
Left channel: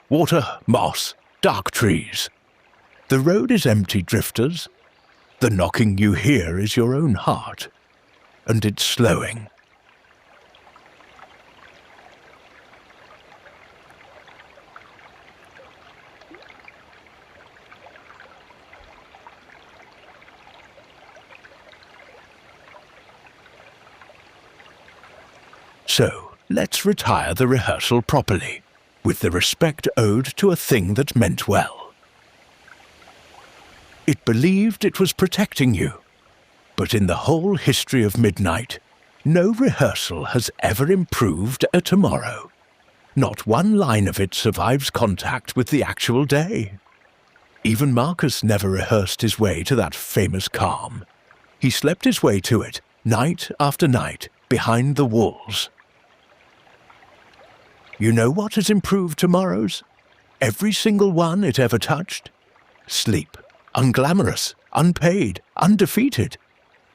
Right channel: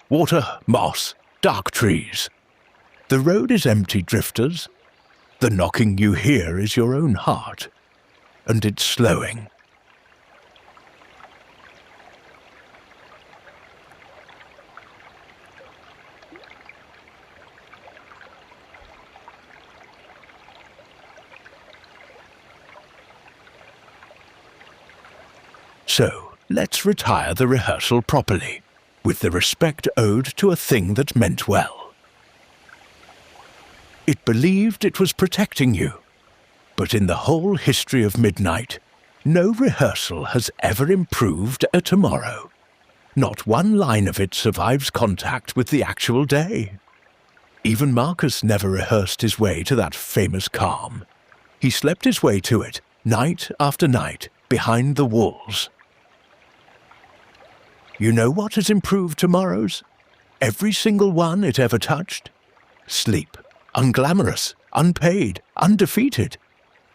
Water, moss, dark trees. The road is empty, drifters. The knocking you hear is your own heart, and it's slowing. So, let's retire the rehearsal properly, with the respect owed to a thing that meant well. It believed it was protecting you, but in the whole history of midnight, no rehearsal has ever improved a tomorrow. Not one line of it survives contact with the actual day. Even Marcus never rehearsed his way to that famous calm. He slept his way to it, night after night, behind the walls. You know what has improved tomorrows? Every single one it ever touched? Sleep. Unglamorous, unpaid, undefeated.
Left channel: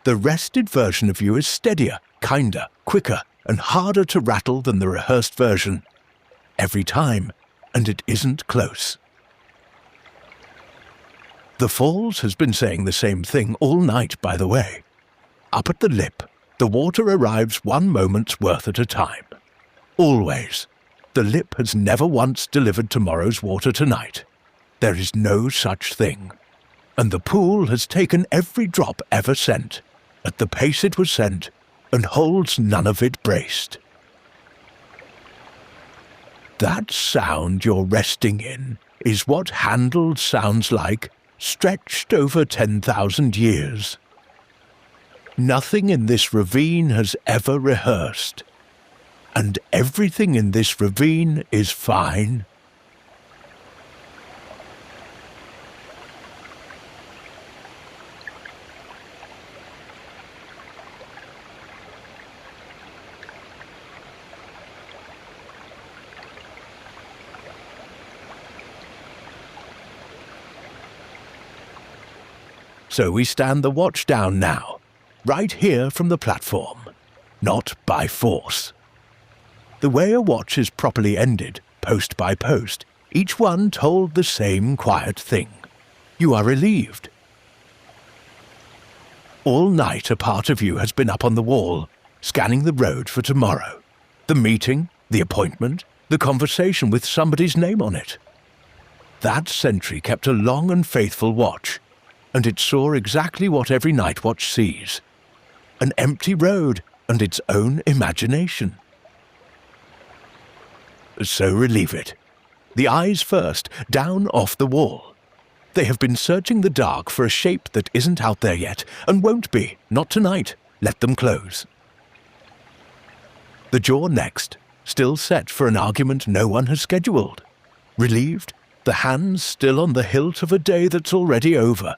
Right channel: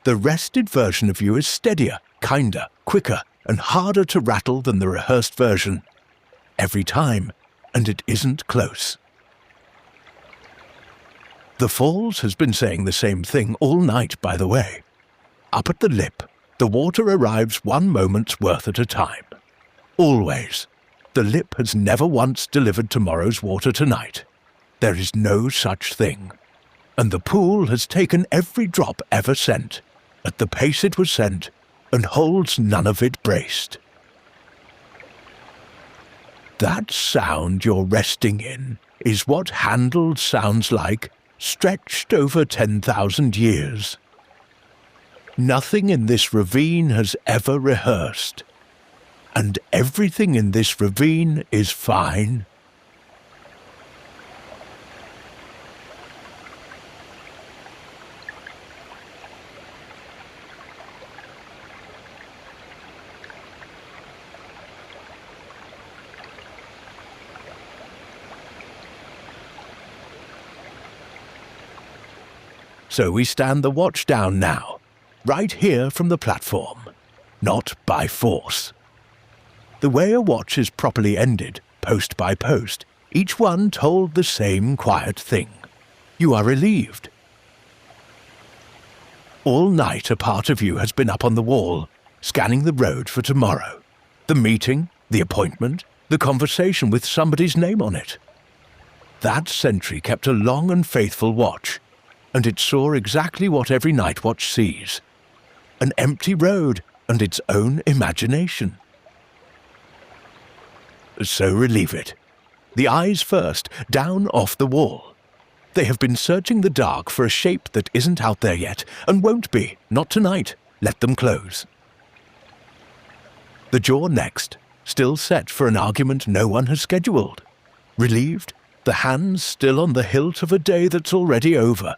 The rested version of you is steadier, kinder, quicker, and harder to rattle than the rehearsed version. Every time, and it isn't close. The Falls has been saying the same thing all night, by the way. Up at the lip, the water arrives 1 moment's worth at a time. Always. The lip has never once delivered tomorrow's water tonight. There is no such thing. And the pool has taken every drop ever sent, at the pace it was sent, and holds none of it braced. That sound you're resting in is what Handel sounds like, stretched over 10,000 years. Nothing in this ravine has ever rehearsed, and everything in this ravine is fine. So we stand the watch down now, right here from the platform, not by force. The way a watch is properly ended, post by post, each one told the same quiet thing. You are relieved. All night a part of you has been up on the wall, scanning the road for tomorrow. The meeting, the appointment, the conversation with somebody's name on it. That sentry kept a long and faithful watch, and it saw exactly what every night watch sees. An empty road and its own imagination. So relieve it. The eyes first, down off the wall. They have been searching the dark for a shape that isn't out there yet, and won't be, not tonight. Let them close. The jaw next, still set for an argument no one has scheduled. Relieved, the hands still on the hilt of a day that's already over.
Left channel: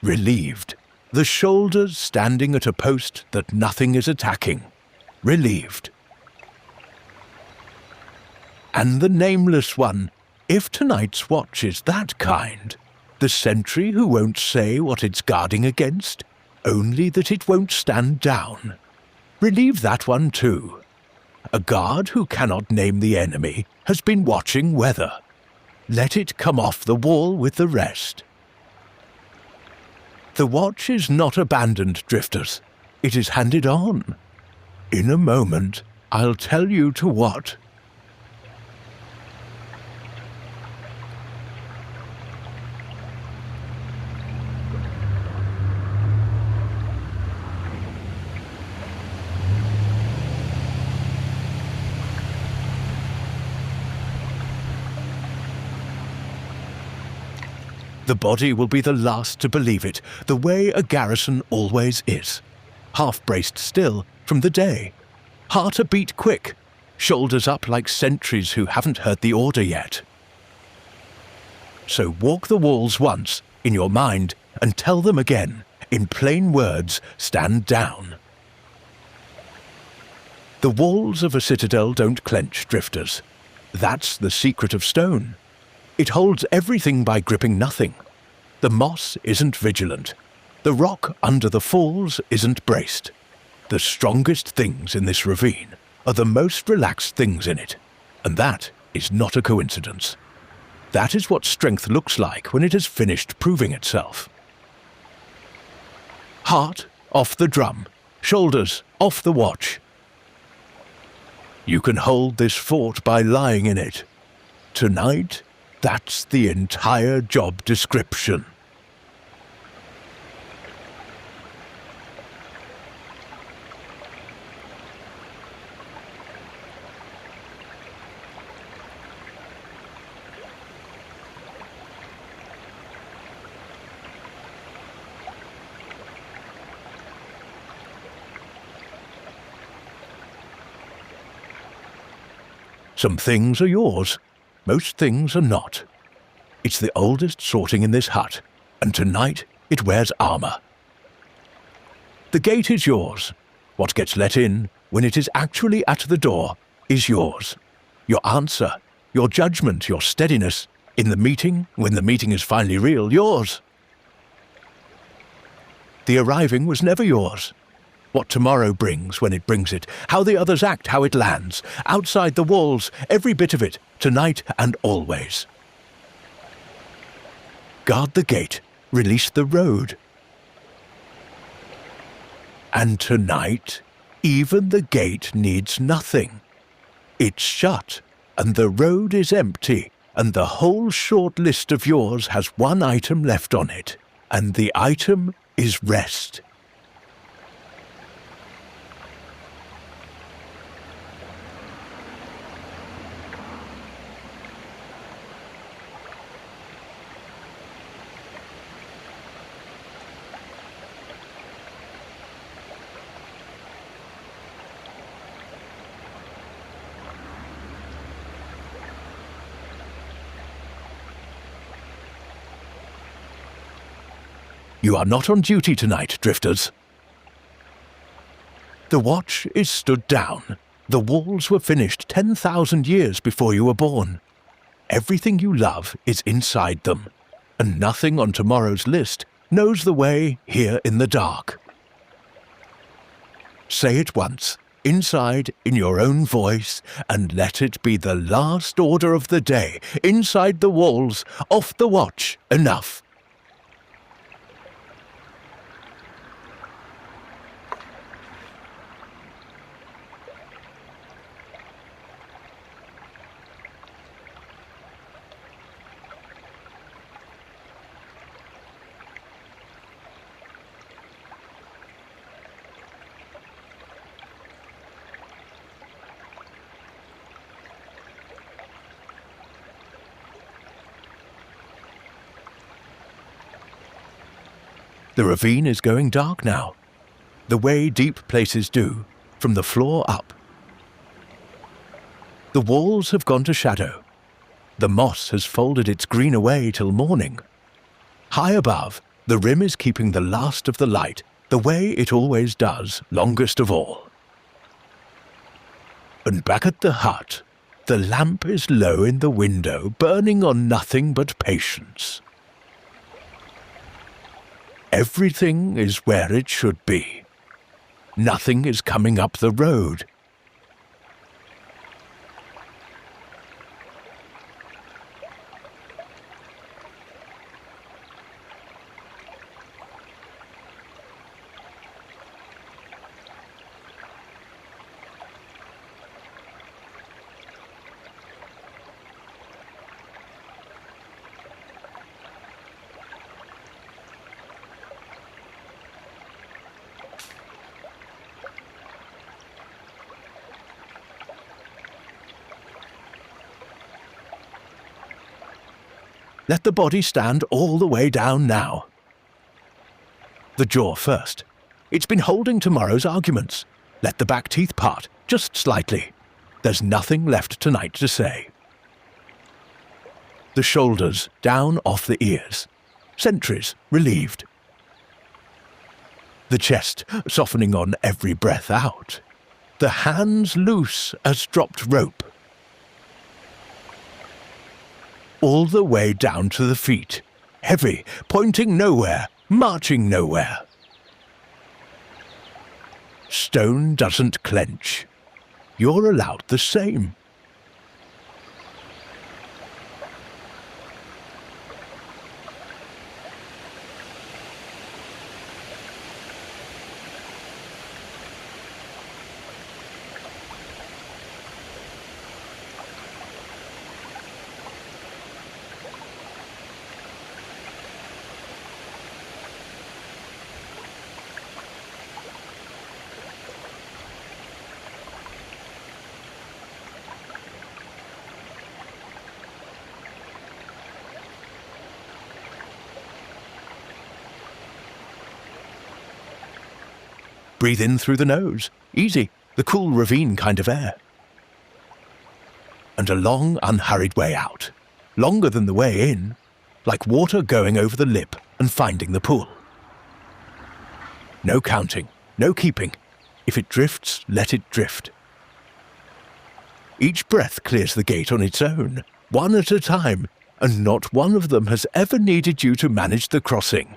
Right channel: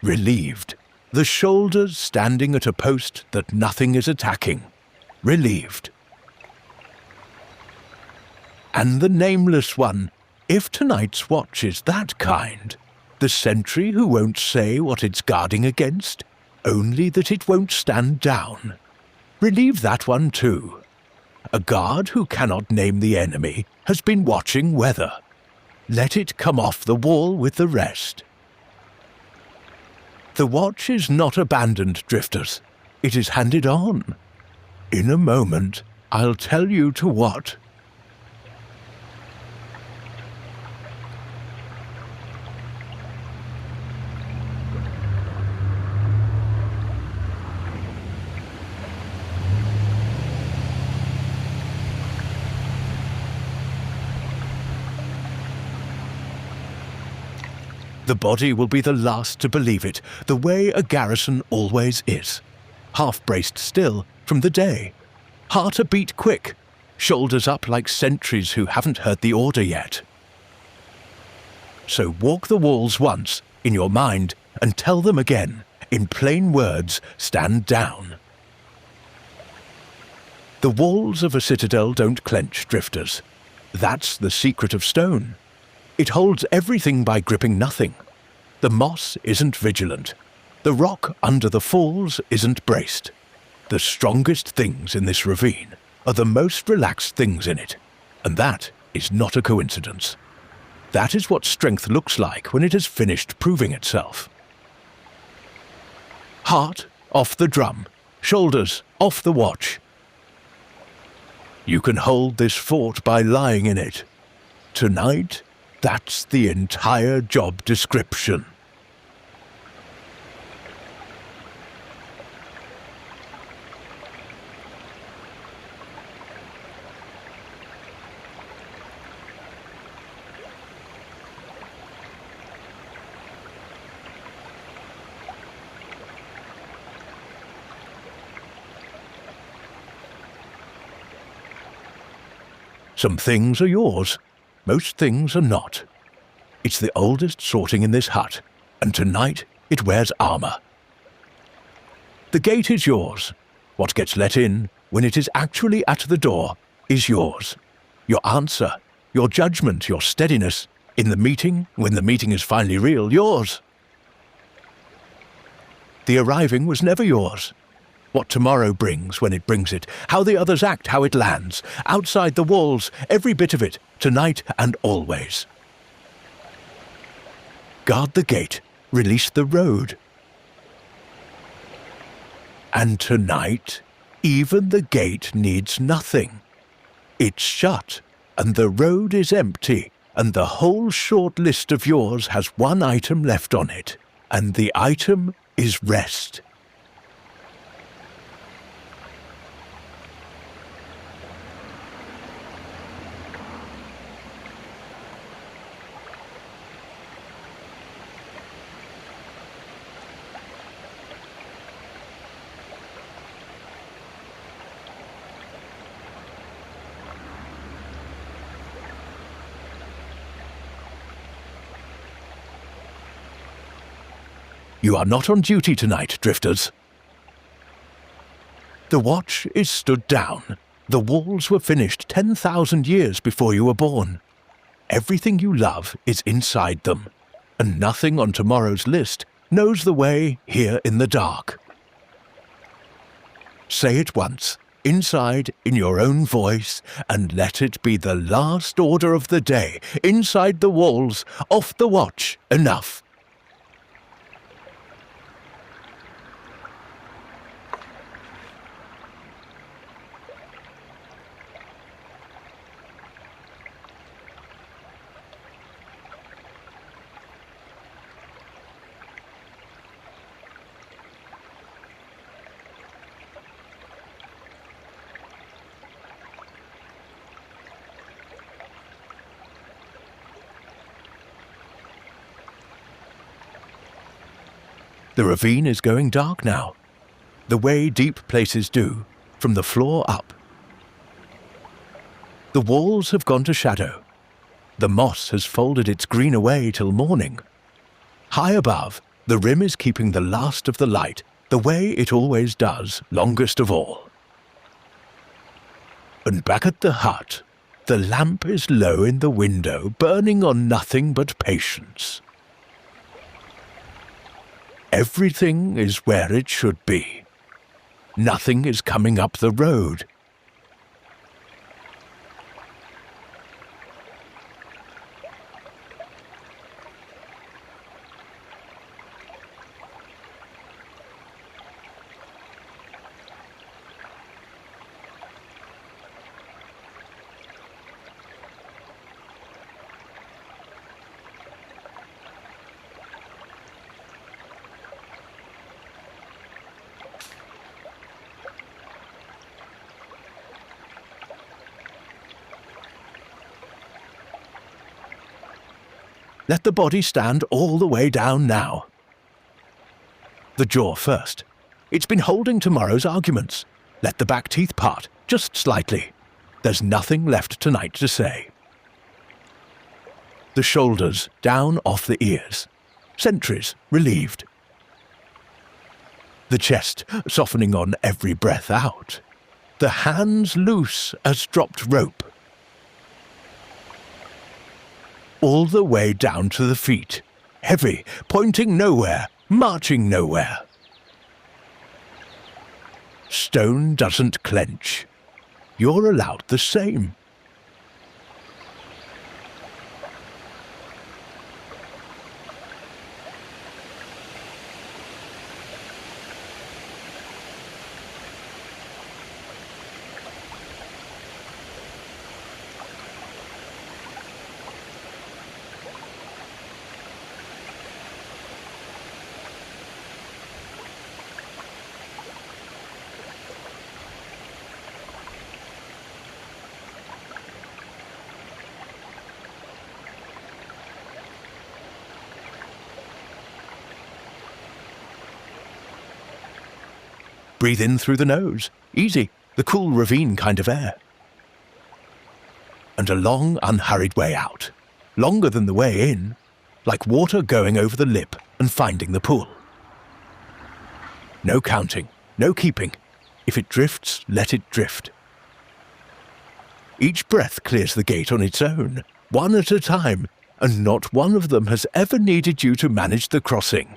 Relieved, the shoulders standing at a post that nothing is attacking. Relieved. And the nameless one, if tonight's watch is that kind, the sentry who won't say what it's guarding against, only that it won't stand down. Relieve that one too. A guard who cannot name the enemy has been watching weather. Let it come off the wall with the rest. The watch is not abandoned, drifters. It is handed on. In a moment, I'll tell you to what. The body will be the last to believe it, the way a garrison always is. Half-braced still from the day. Heart a beat quick, shoulders up like sentries who haven't heard the order yet. So walk the walls once, in your mind, and tell them again, in plain words, stand down. The walls of a citadel don't clench, drifters. That's the secret of stone. It holds everything by gripping nothing. The moss isn't vigilant. The rock under the falls isn't braced. The strongest things in this ravine are the most relaxed things in it, and that is not a coincidence. That is what strength looks like when it has finished proving itself. Heart off the drum, shoulders off the watch. You can hold this fort by lying in it. Tonight, that's the entire job description. Some things are yours. Most things are not. It's the oldest sorting in this hut, and tonight it wears armor. The gate is yours. What gets let in, when it is actually at the door, is yours. Your answer, your judgment, your steadiness, in the meeting, when the meeting is finally real, yours. The arriving was never yours. What tomorrow brings when it brings it, how the others act, how it lands, outside the walls, every bit of it, tonight and always. Guard the gate, release the road. And tonight, even the gate needs nothing. It's shut, and the road is empty, and the whole short list of yours has one item left on it, and the item is rest. You are not on duty tonight, drifters. The watch is stood down. The walls were finished 10,000 years before you were born. Everything you love is inside them, and nothing on tomorrow's list knows the way here in the dark. Say it once, inside, in your own voice, and let it be the last order of the day, inside the walls, off the watch, enough. The ravine is going dark now, the way deep places do, from the floor up. The walls have gone to shadow. The moss has folded its green away till morning. High above, the rim is keeping the last of the light, the way it always does, longest of all. And back at the hut, the lamp is low in the window, burning on nothing but patience. Everything is where it should be. Nothing is coming up the road. Let the body stand all the way down now. The jaw first. It's been holding tomorrow's arguments. Let the back teeth part, just slightly. There's nothing left tonight to say. The shoulders down off the ears. Sentries relieved. The chest softening on every breath out. The hands loose as dropped rope. All the way down to the feet, heavy, pointing nowhere, marching nowhere. Stone doesn't clench. You're allowed the same. Breathe in through the nose. Easy, the cool ravine kind of air. And a long, unhurried way out. Longer than the way in. Like water going over the lip and finding the pool. No counting, no keeping. If it drifts, let it drift. Each breath clears the gate on its own, one at a time, and not one of them has ever needed you to manage the crossing.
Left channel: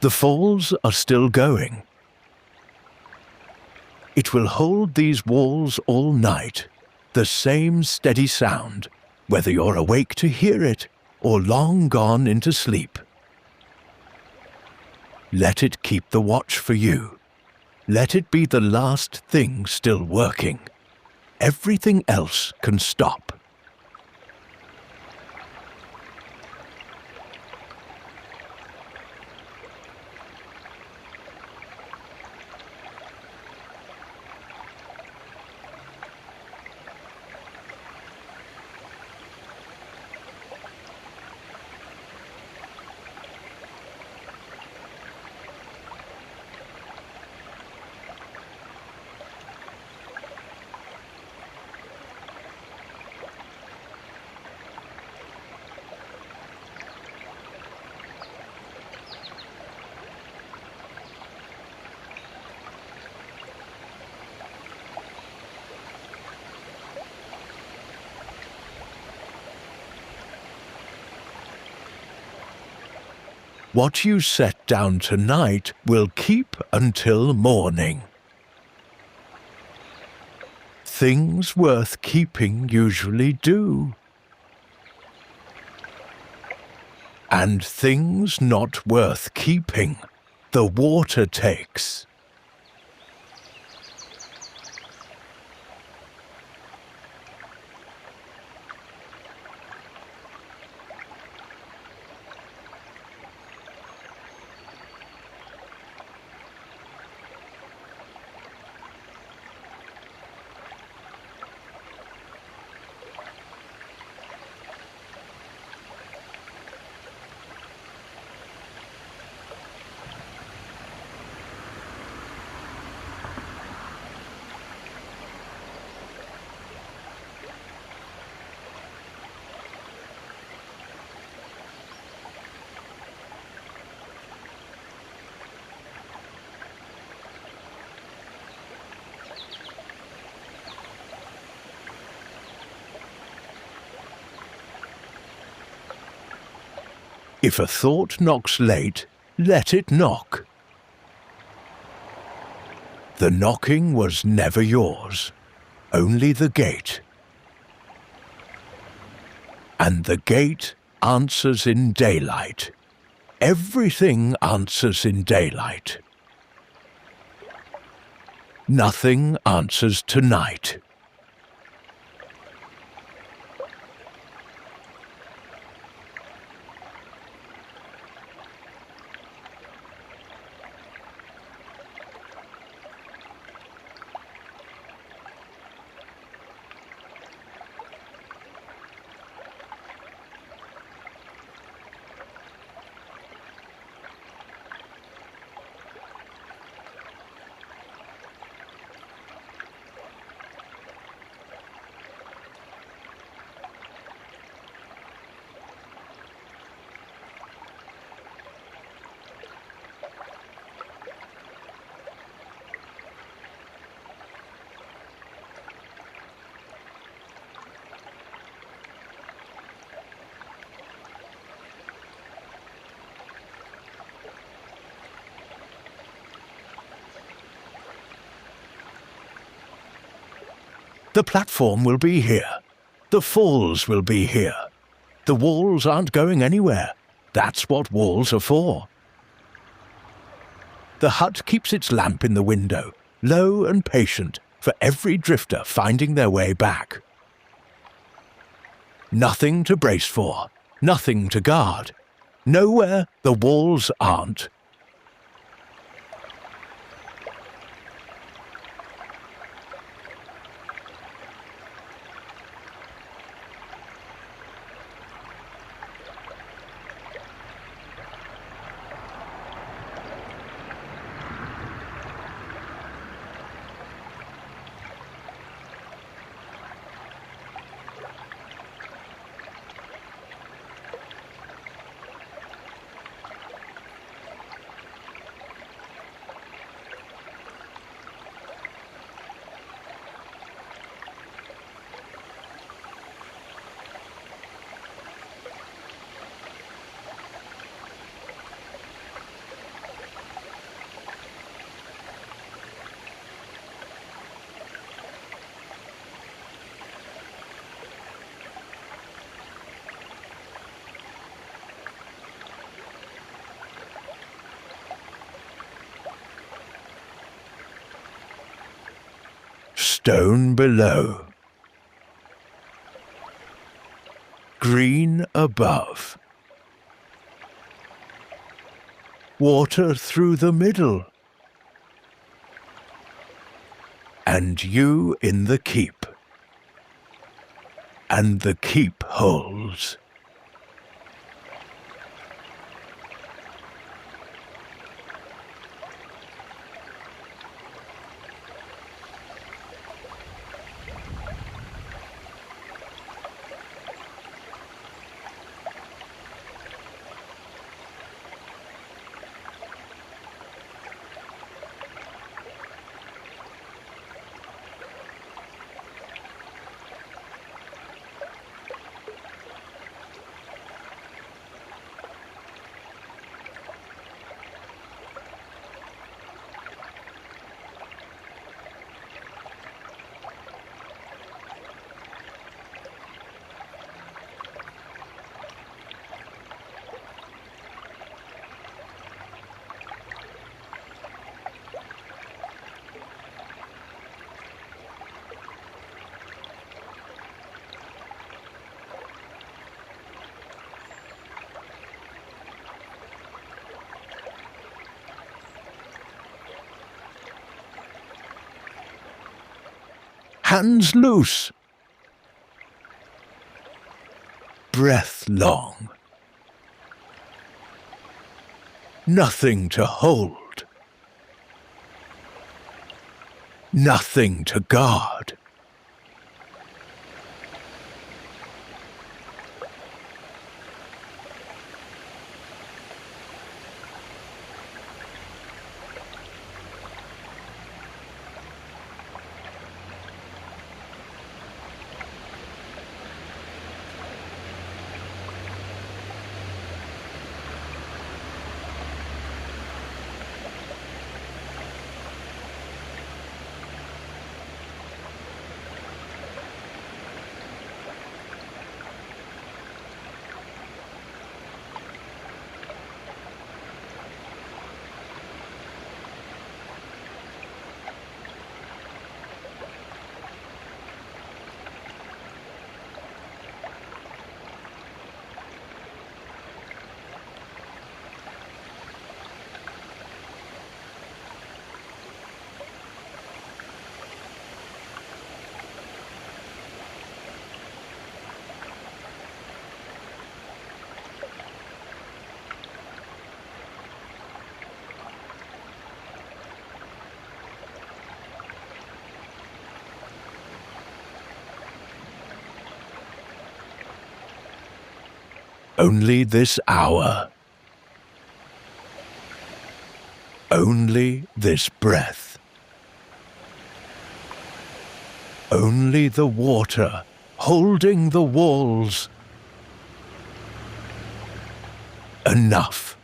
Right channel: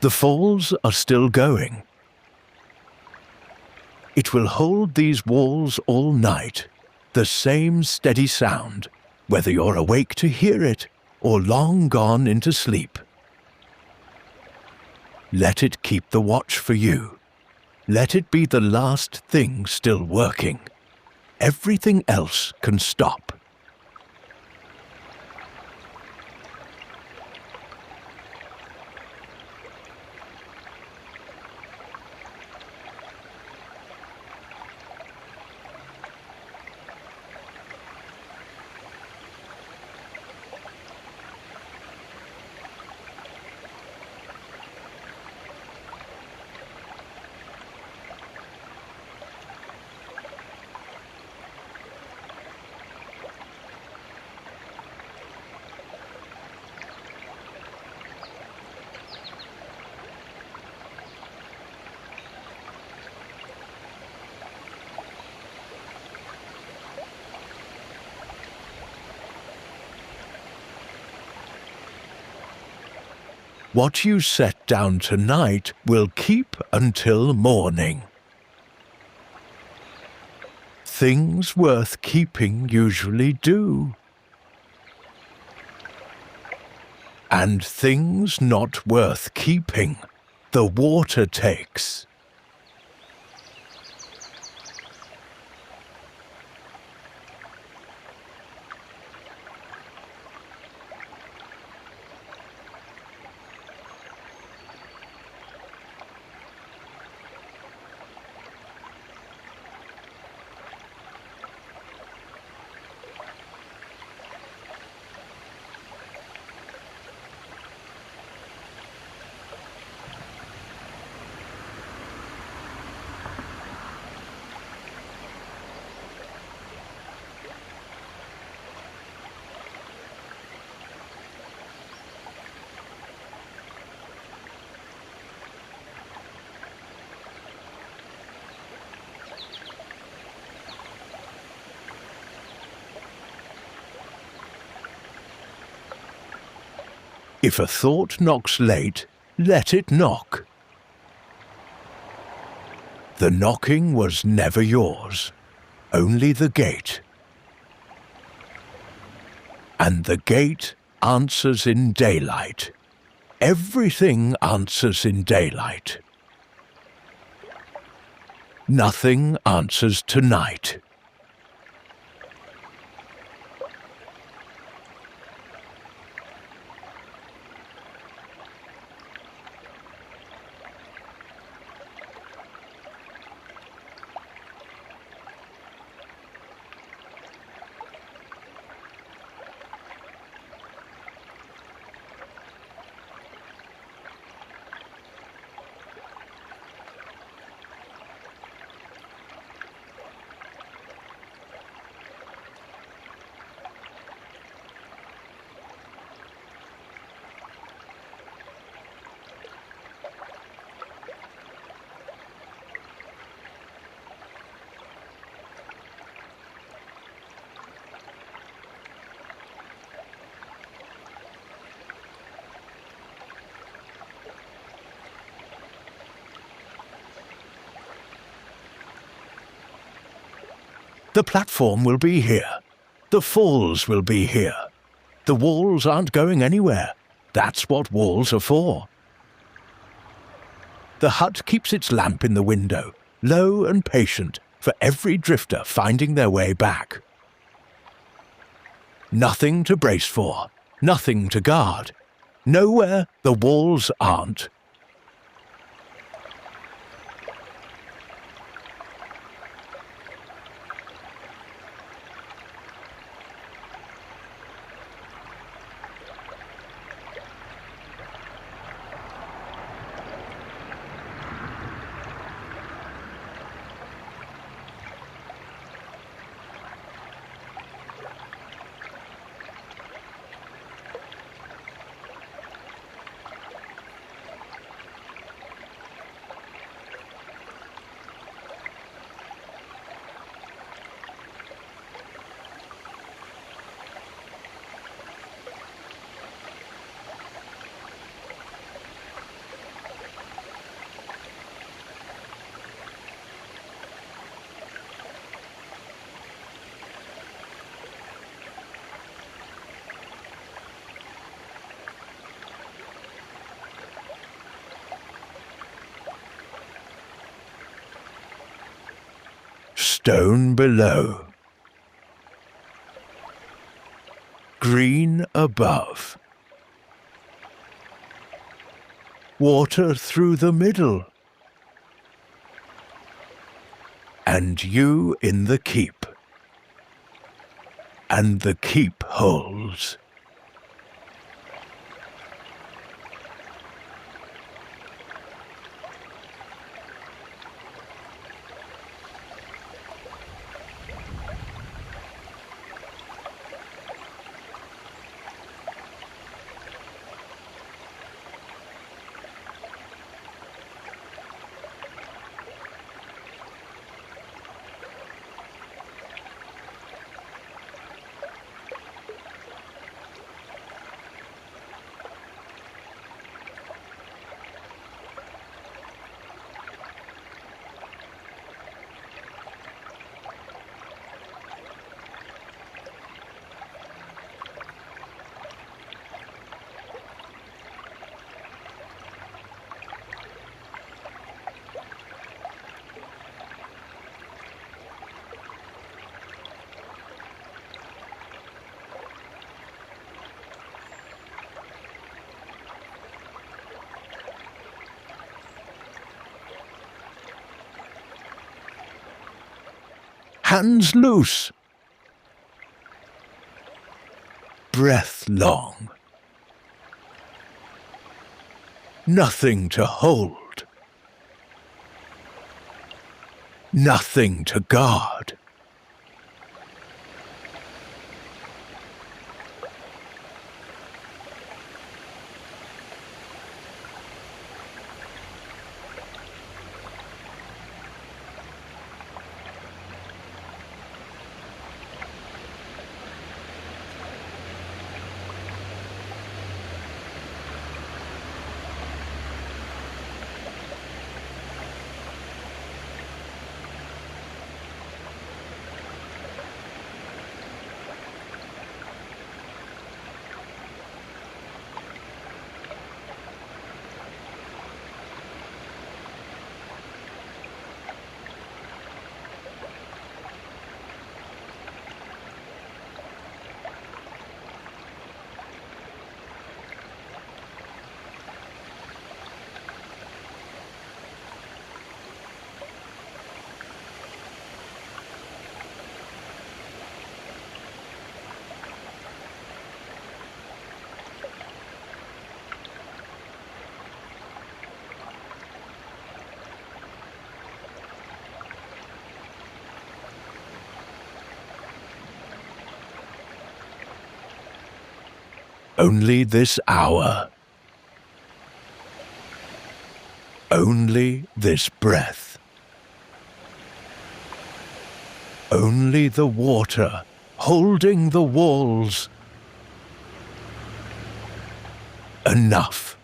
The falls are still going. It will hold these walls all night, the same steady sound, whether you're awake to hear it or long gone into sleep. Let it keep the watch for you. Let it be the last thing still working. Everything else can stop. What you set down tonight will keep until morning. Things worth keeping usually do. And things not worth keeping, the water takes. If a thought knocks late, let it knock. The knocking was never yours, only the gate. And the gate answers in daylight. Everything answers in daylight. Nothing answers tonight. The platform will be here. The falls will be here. The walls aren't going anywhere. That's what walls are for. The hut keeps its lamp in the window, low and patient, for every drifter finding their way back. Nothing to brace for, nothing to guard. Nowhere the walls aren't. stone below. Green above. Water through the middle. And you in the keep. And the keep holds. Hands loose. Breath long. Nothing to hold. Nothing to guard. Only this hour. Only this breath. Only the water holding the walls. Enough.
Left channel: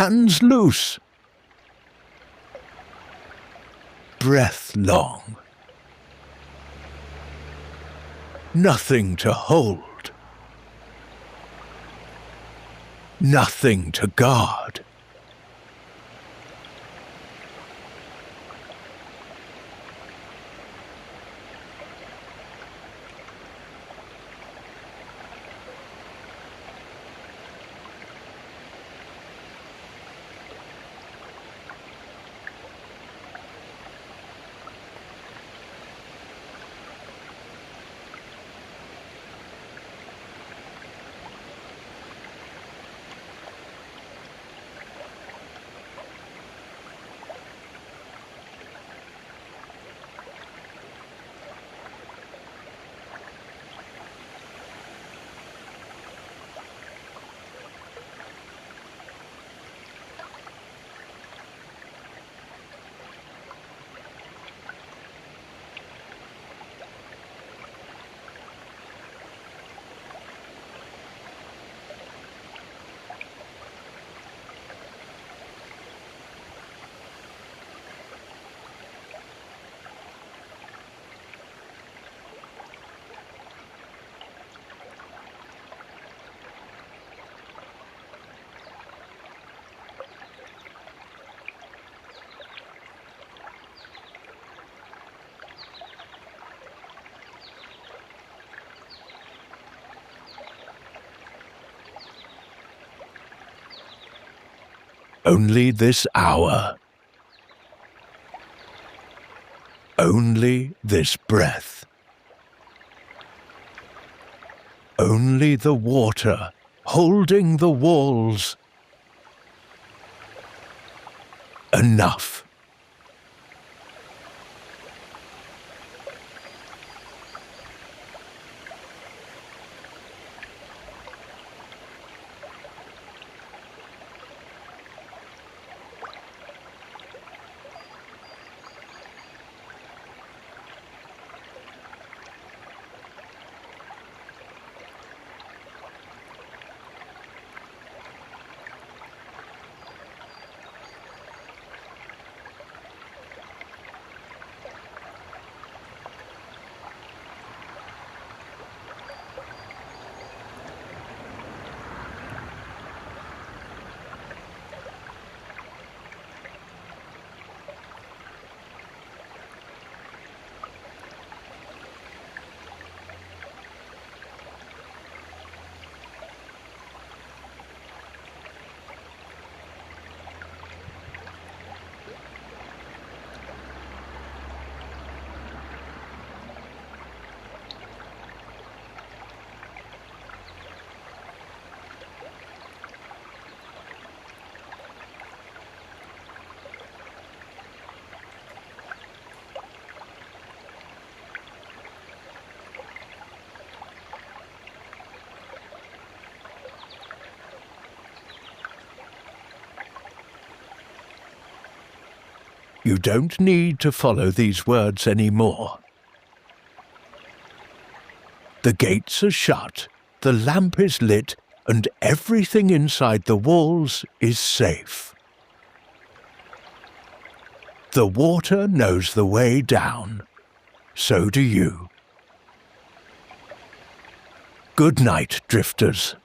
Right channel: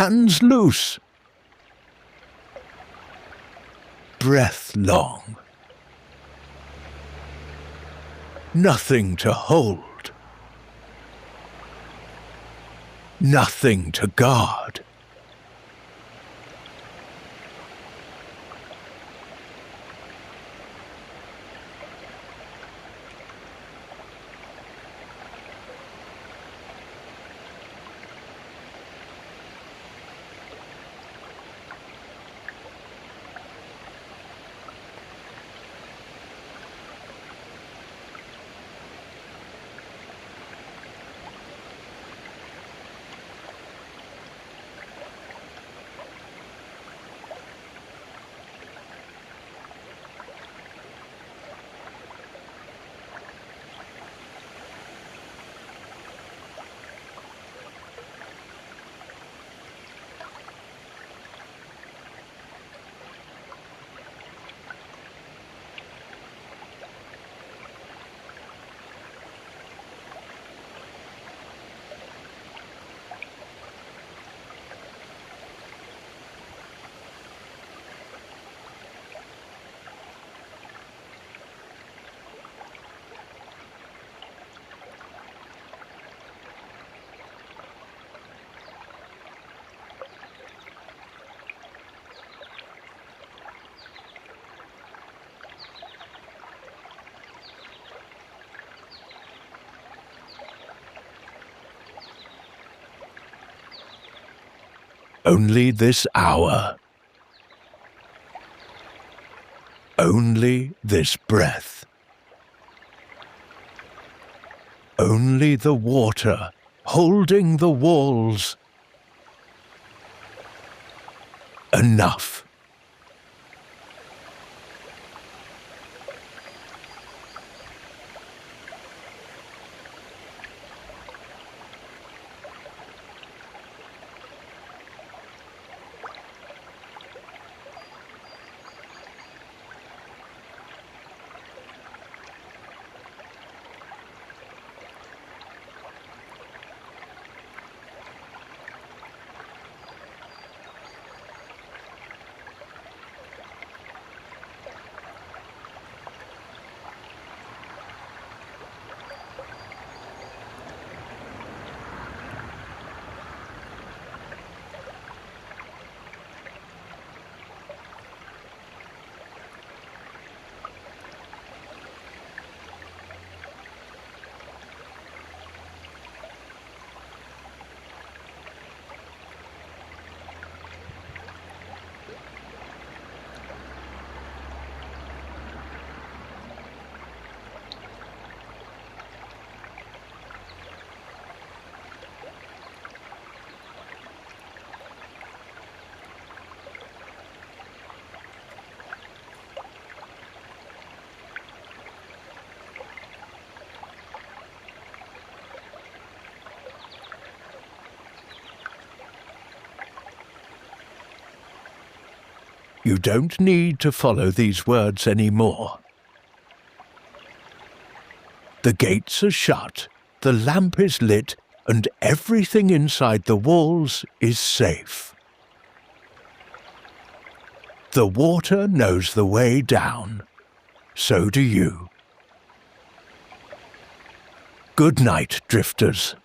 Hands loose. Breath long. nothing to hold, nothing to guard. Only this hour, only this breath, only the water holding the walls. Enough. You don't need to follow these words anymore. The gates are shut, the lamp is lit, and everything inside the walls is safe. The water knows the way down. So do you. Good night, drifters.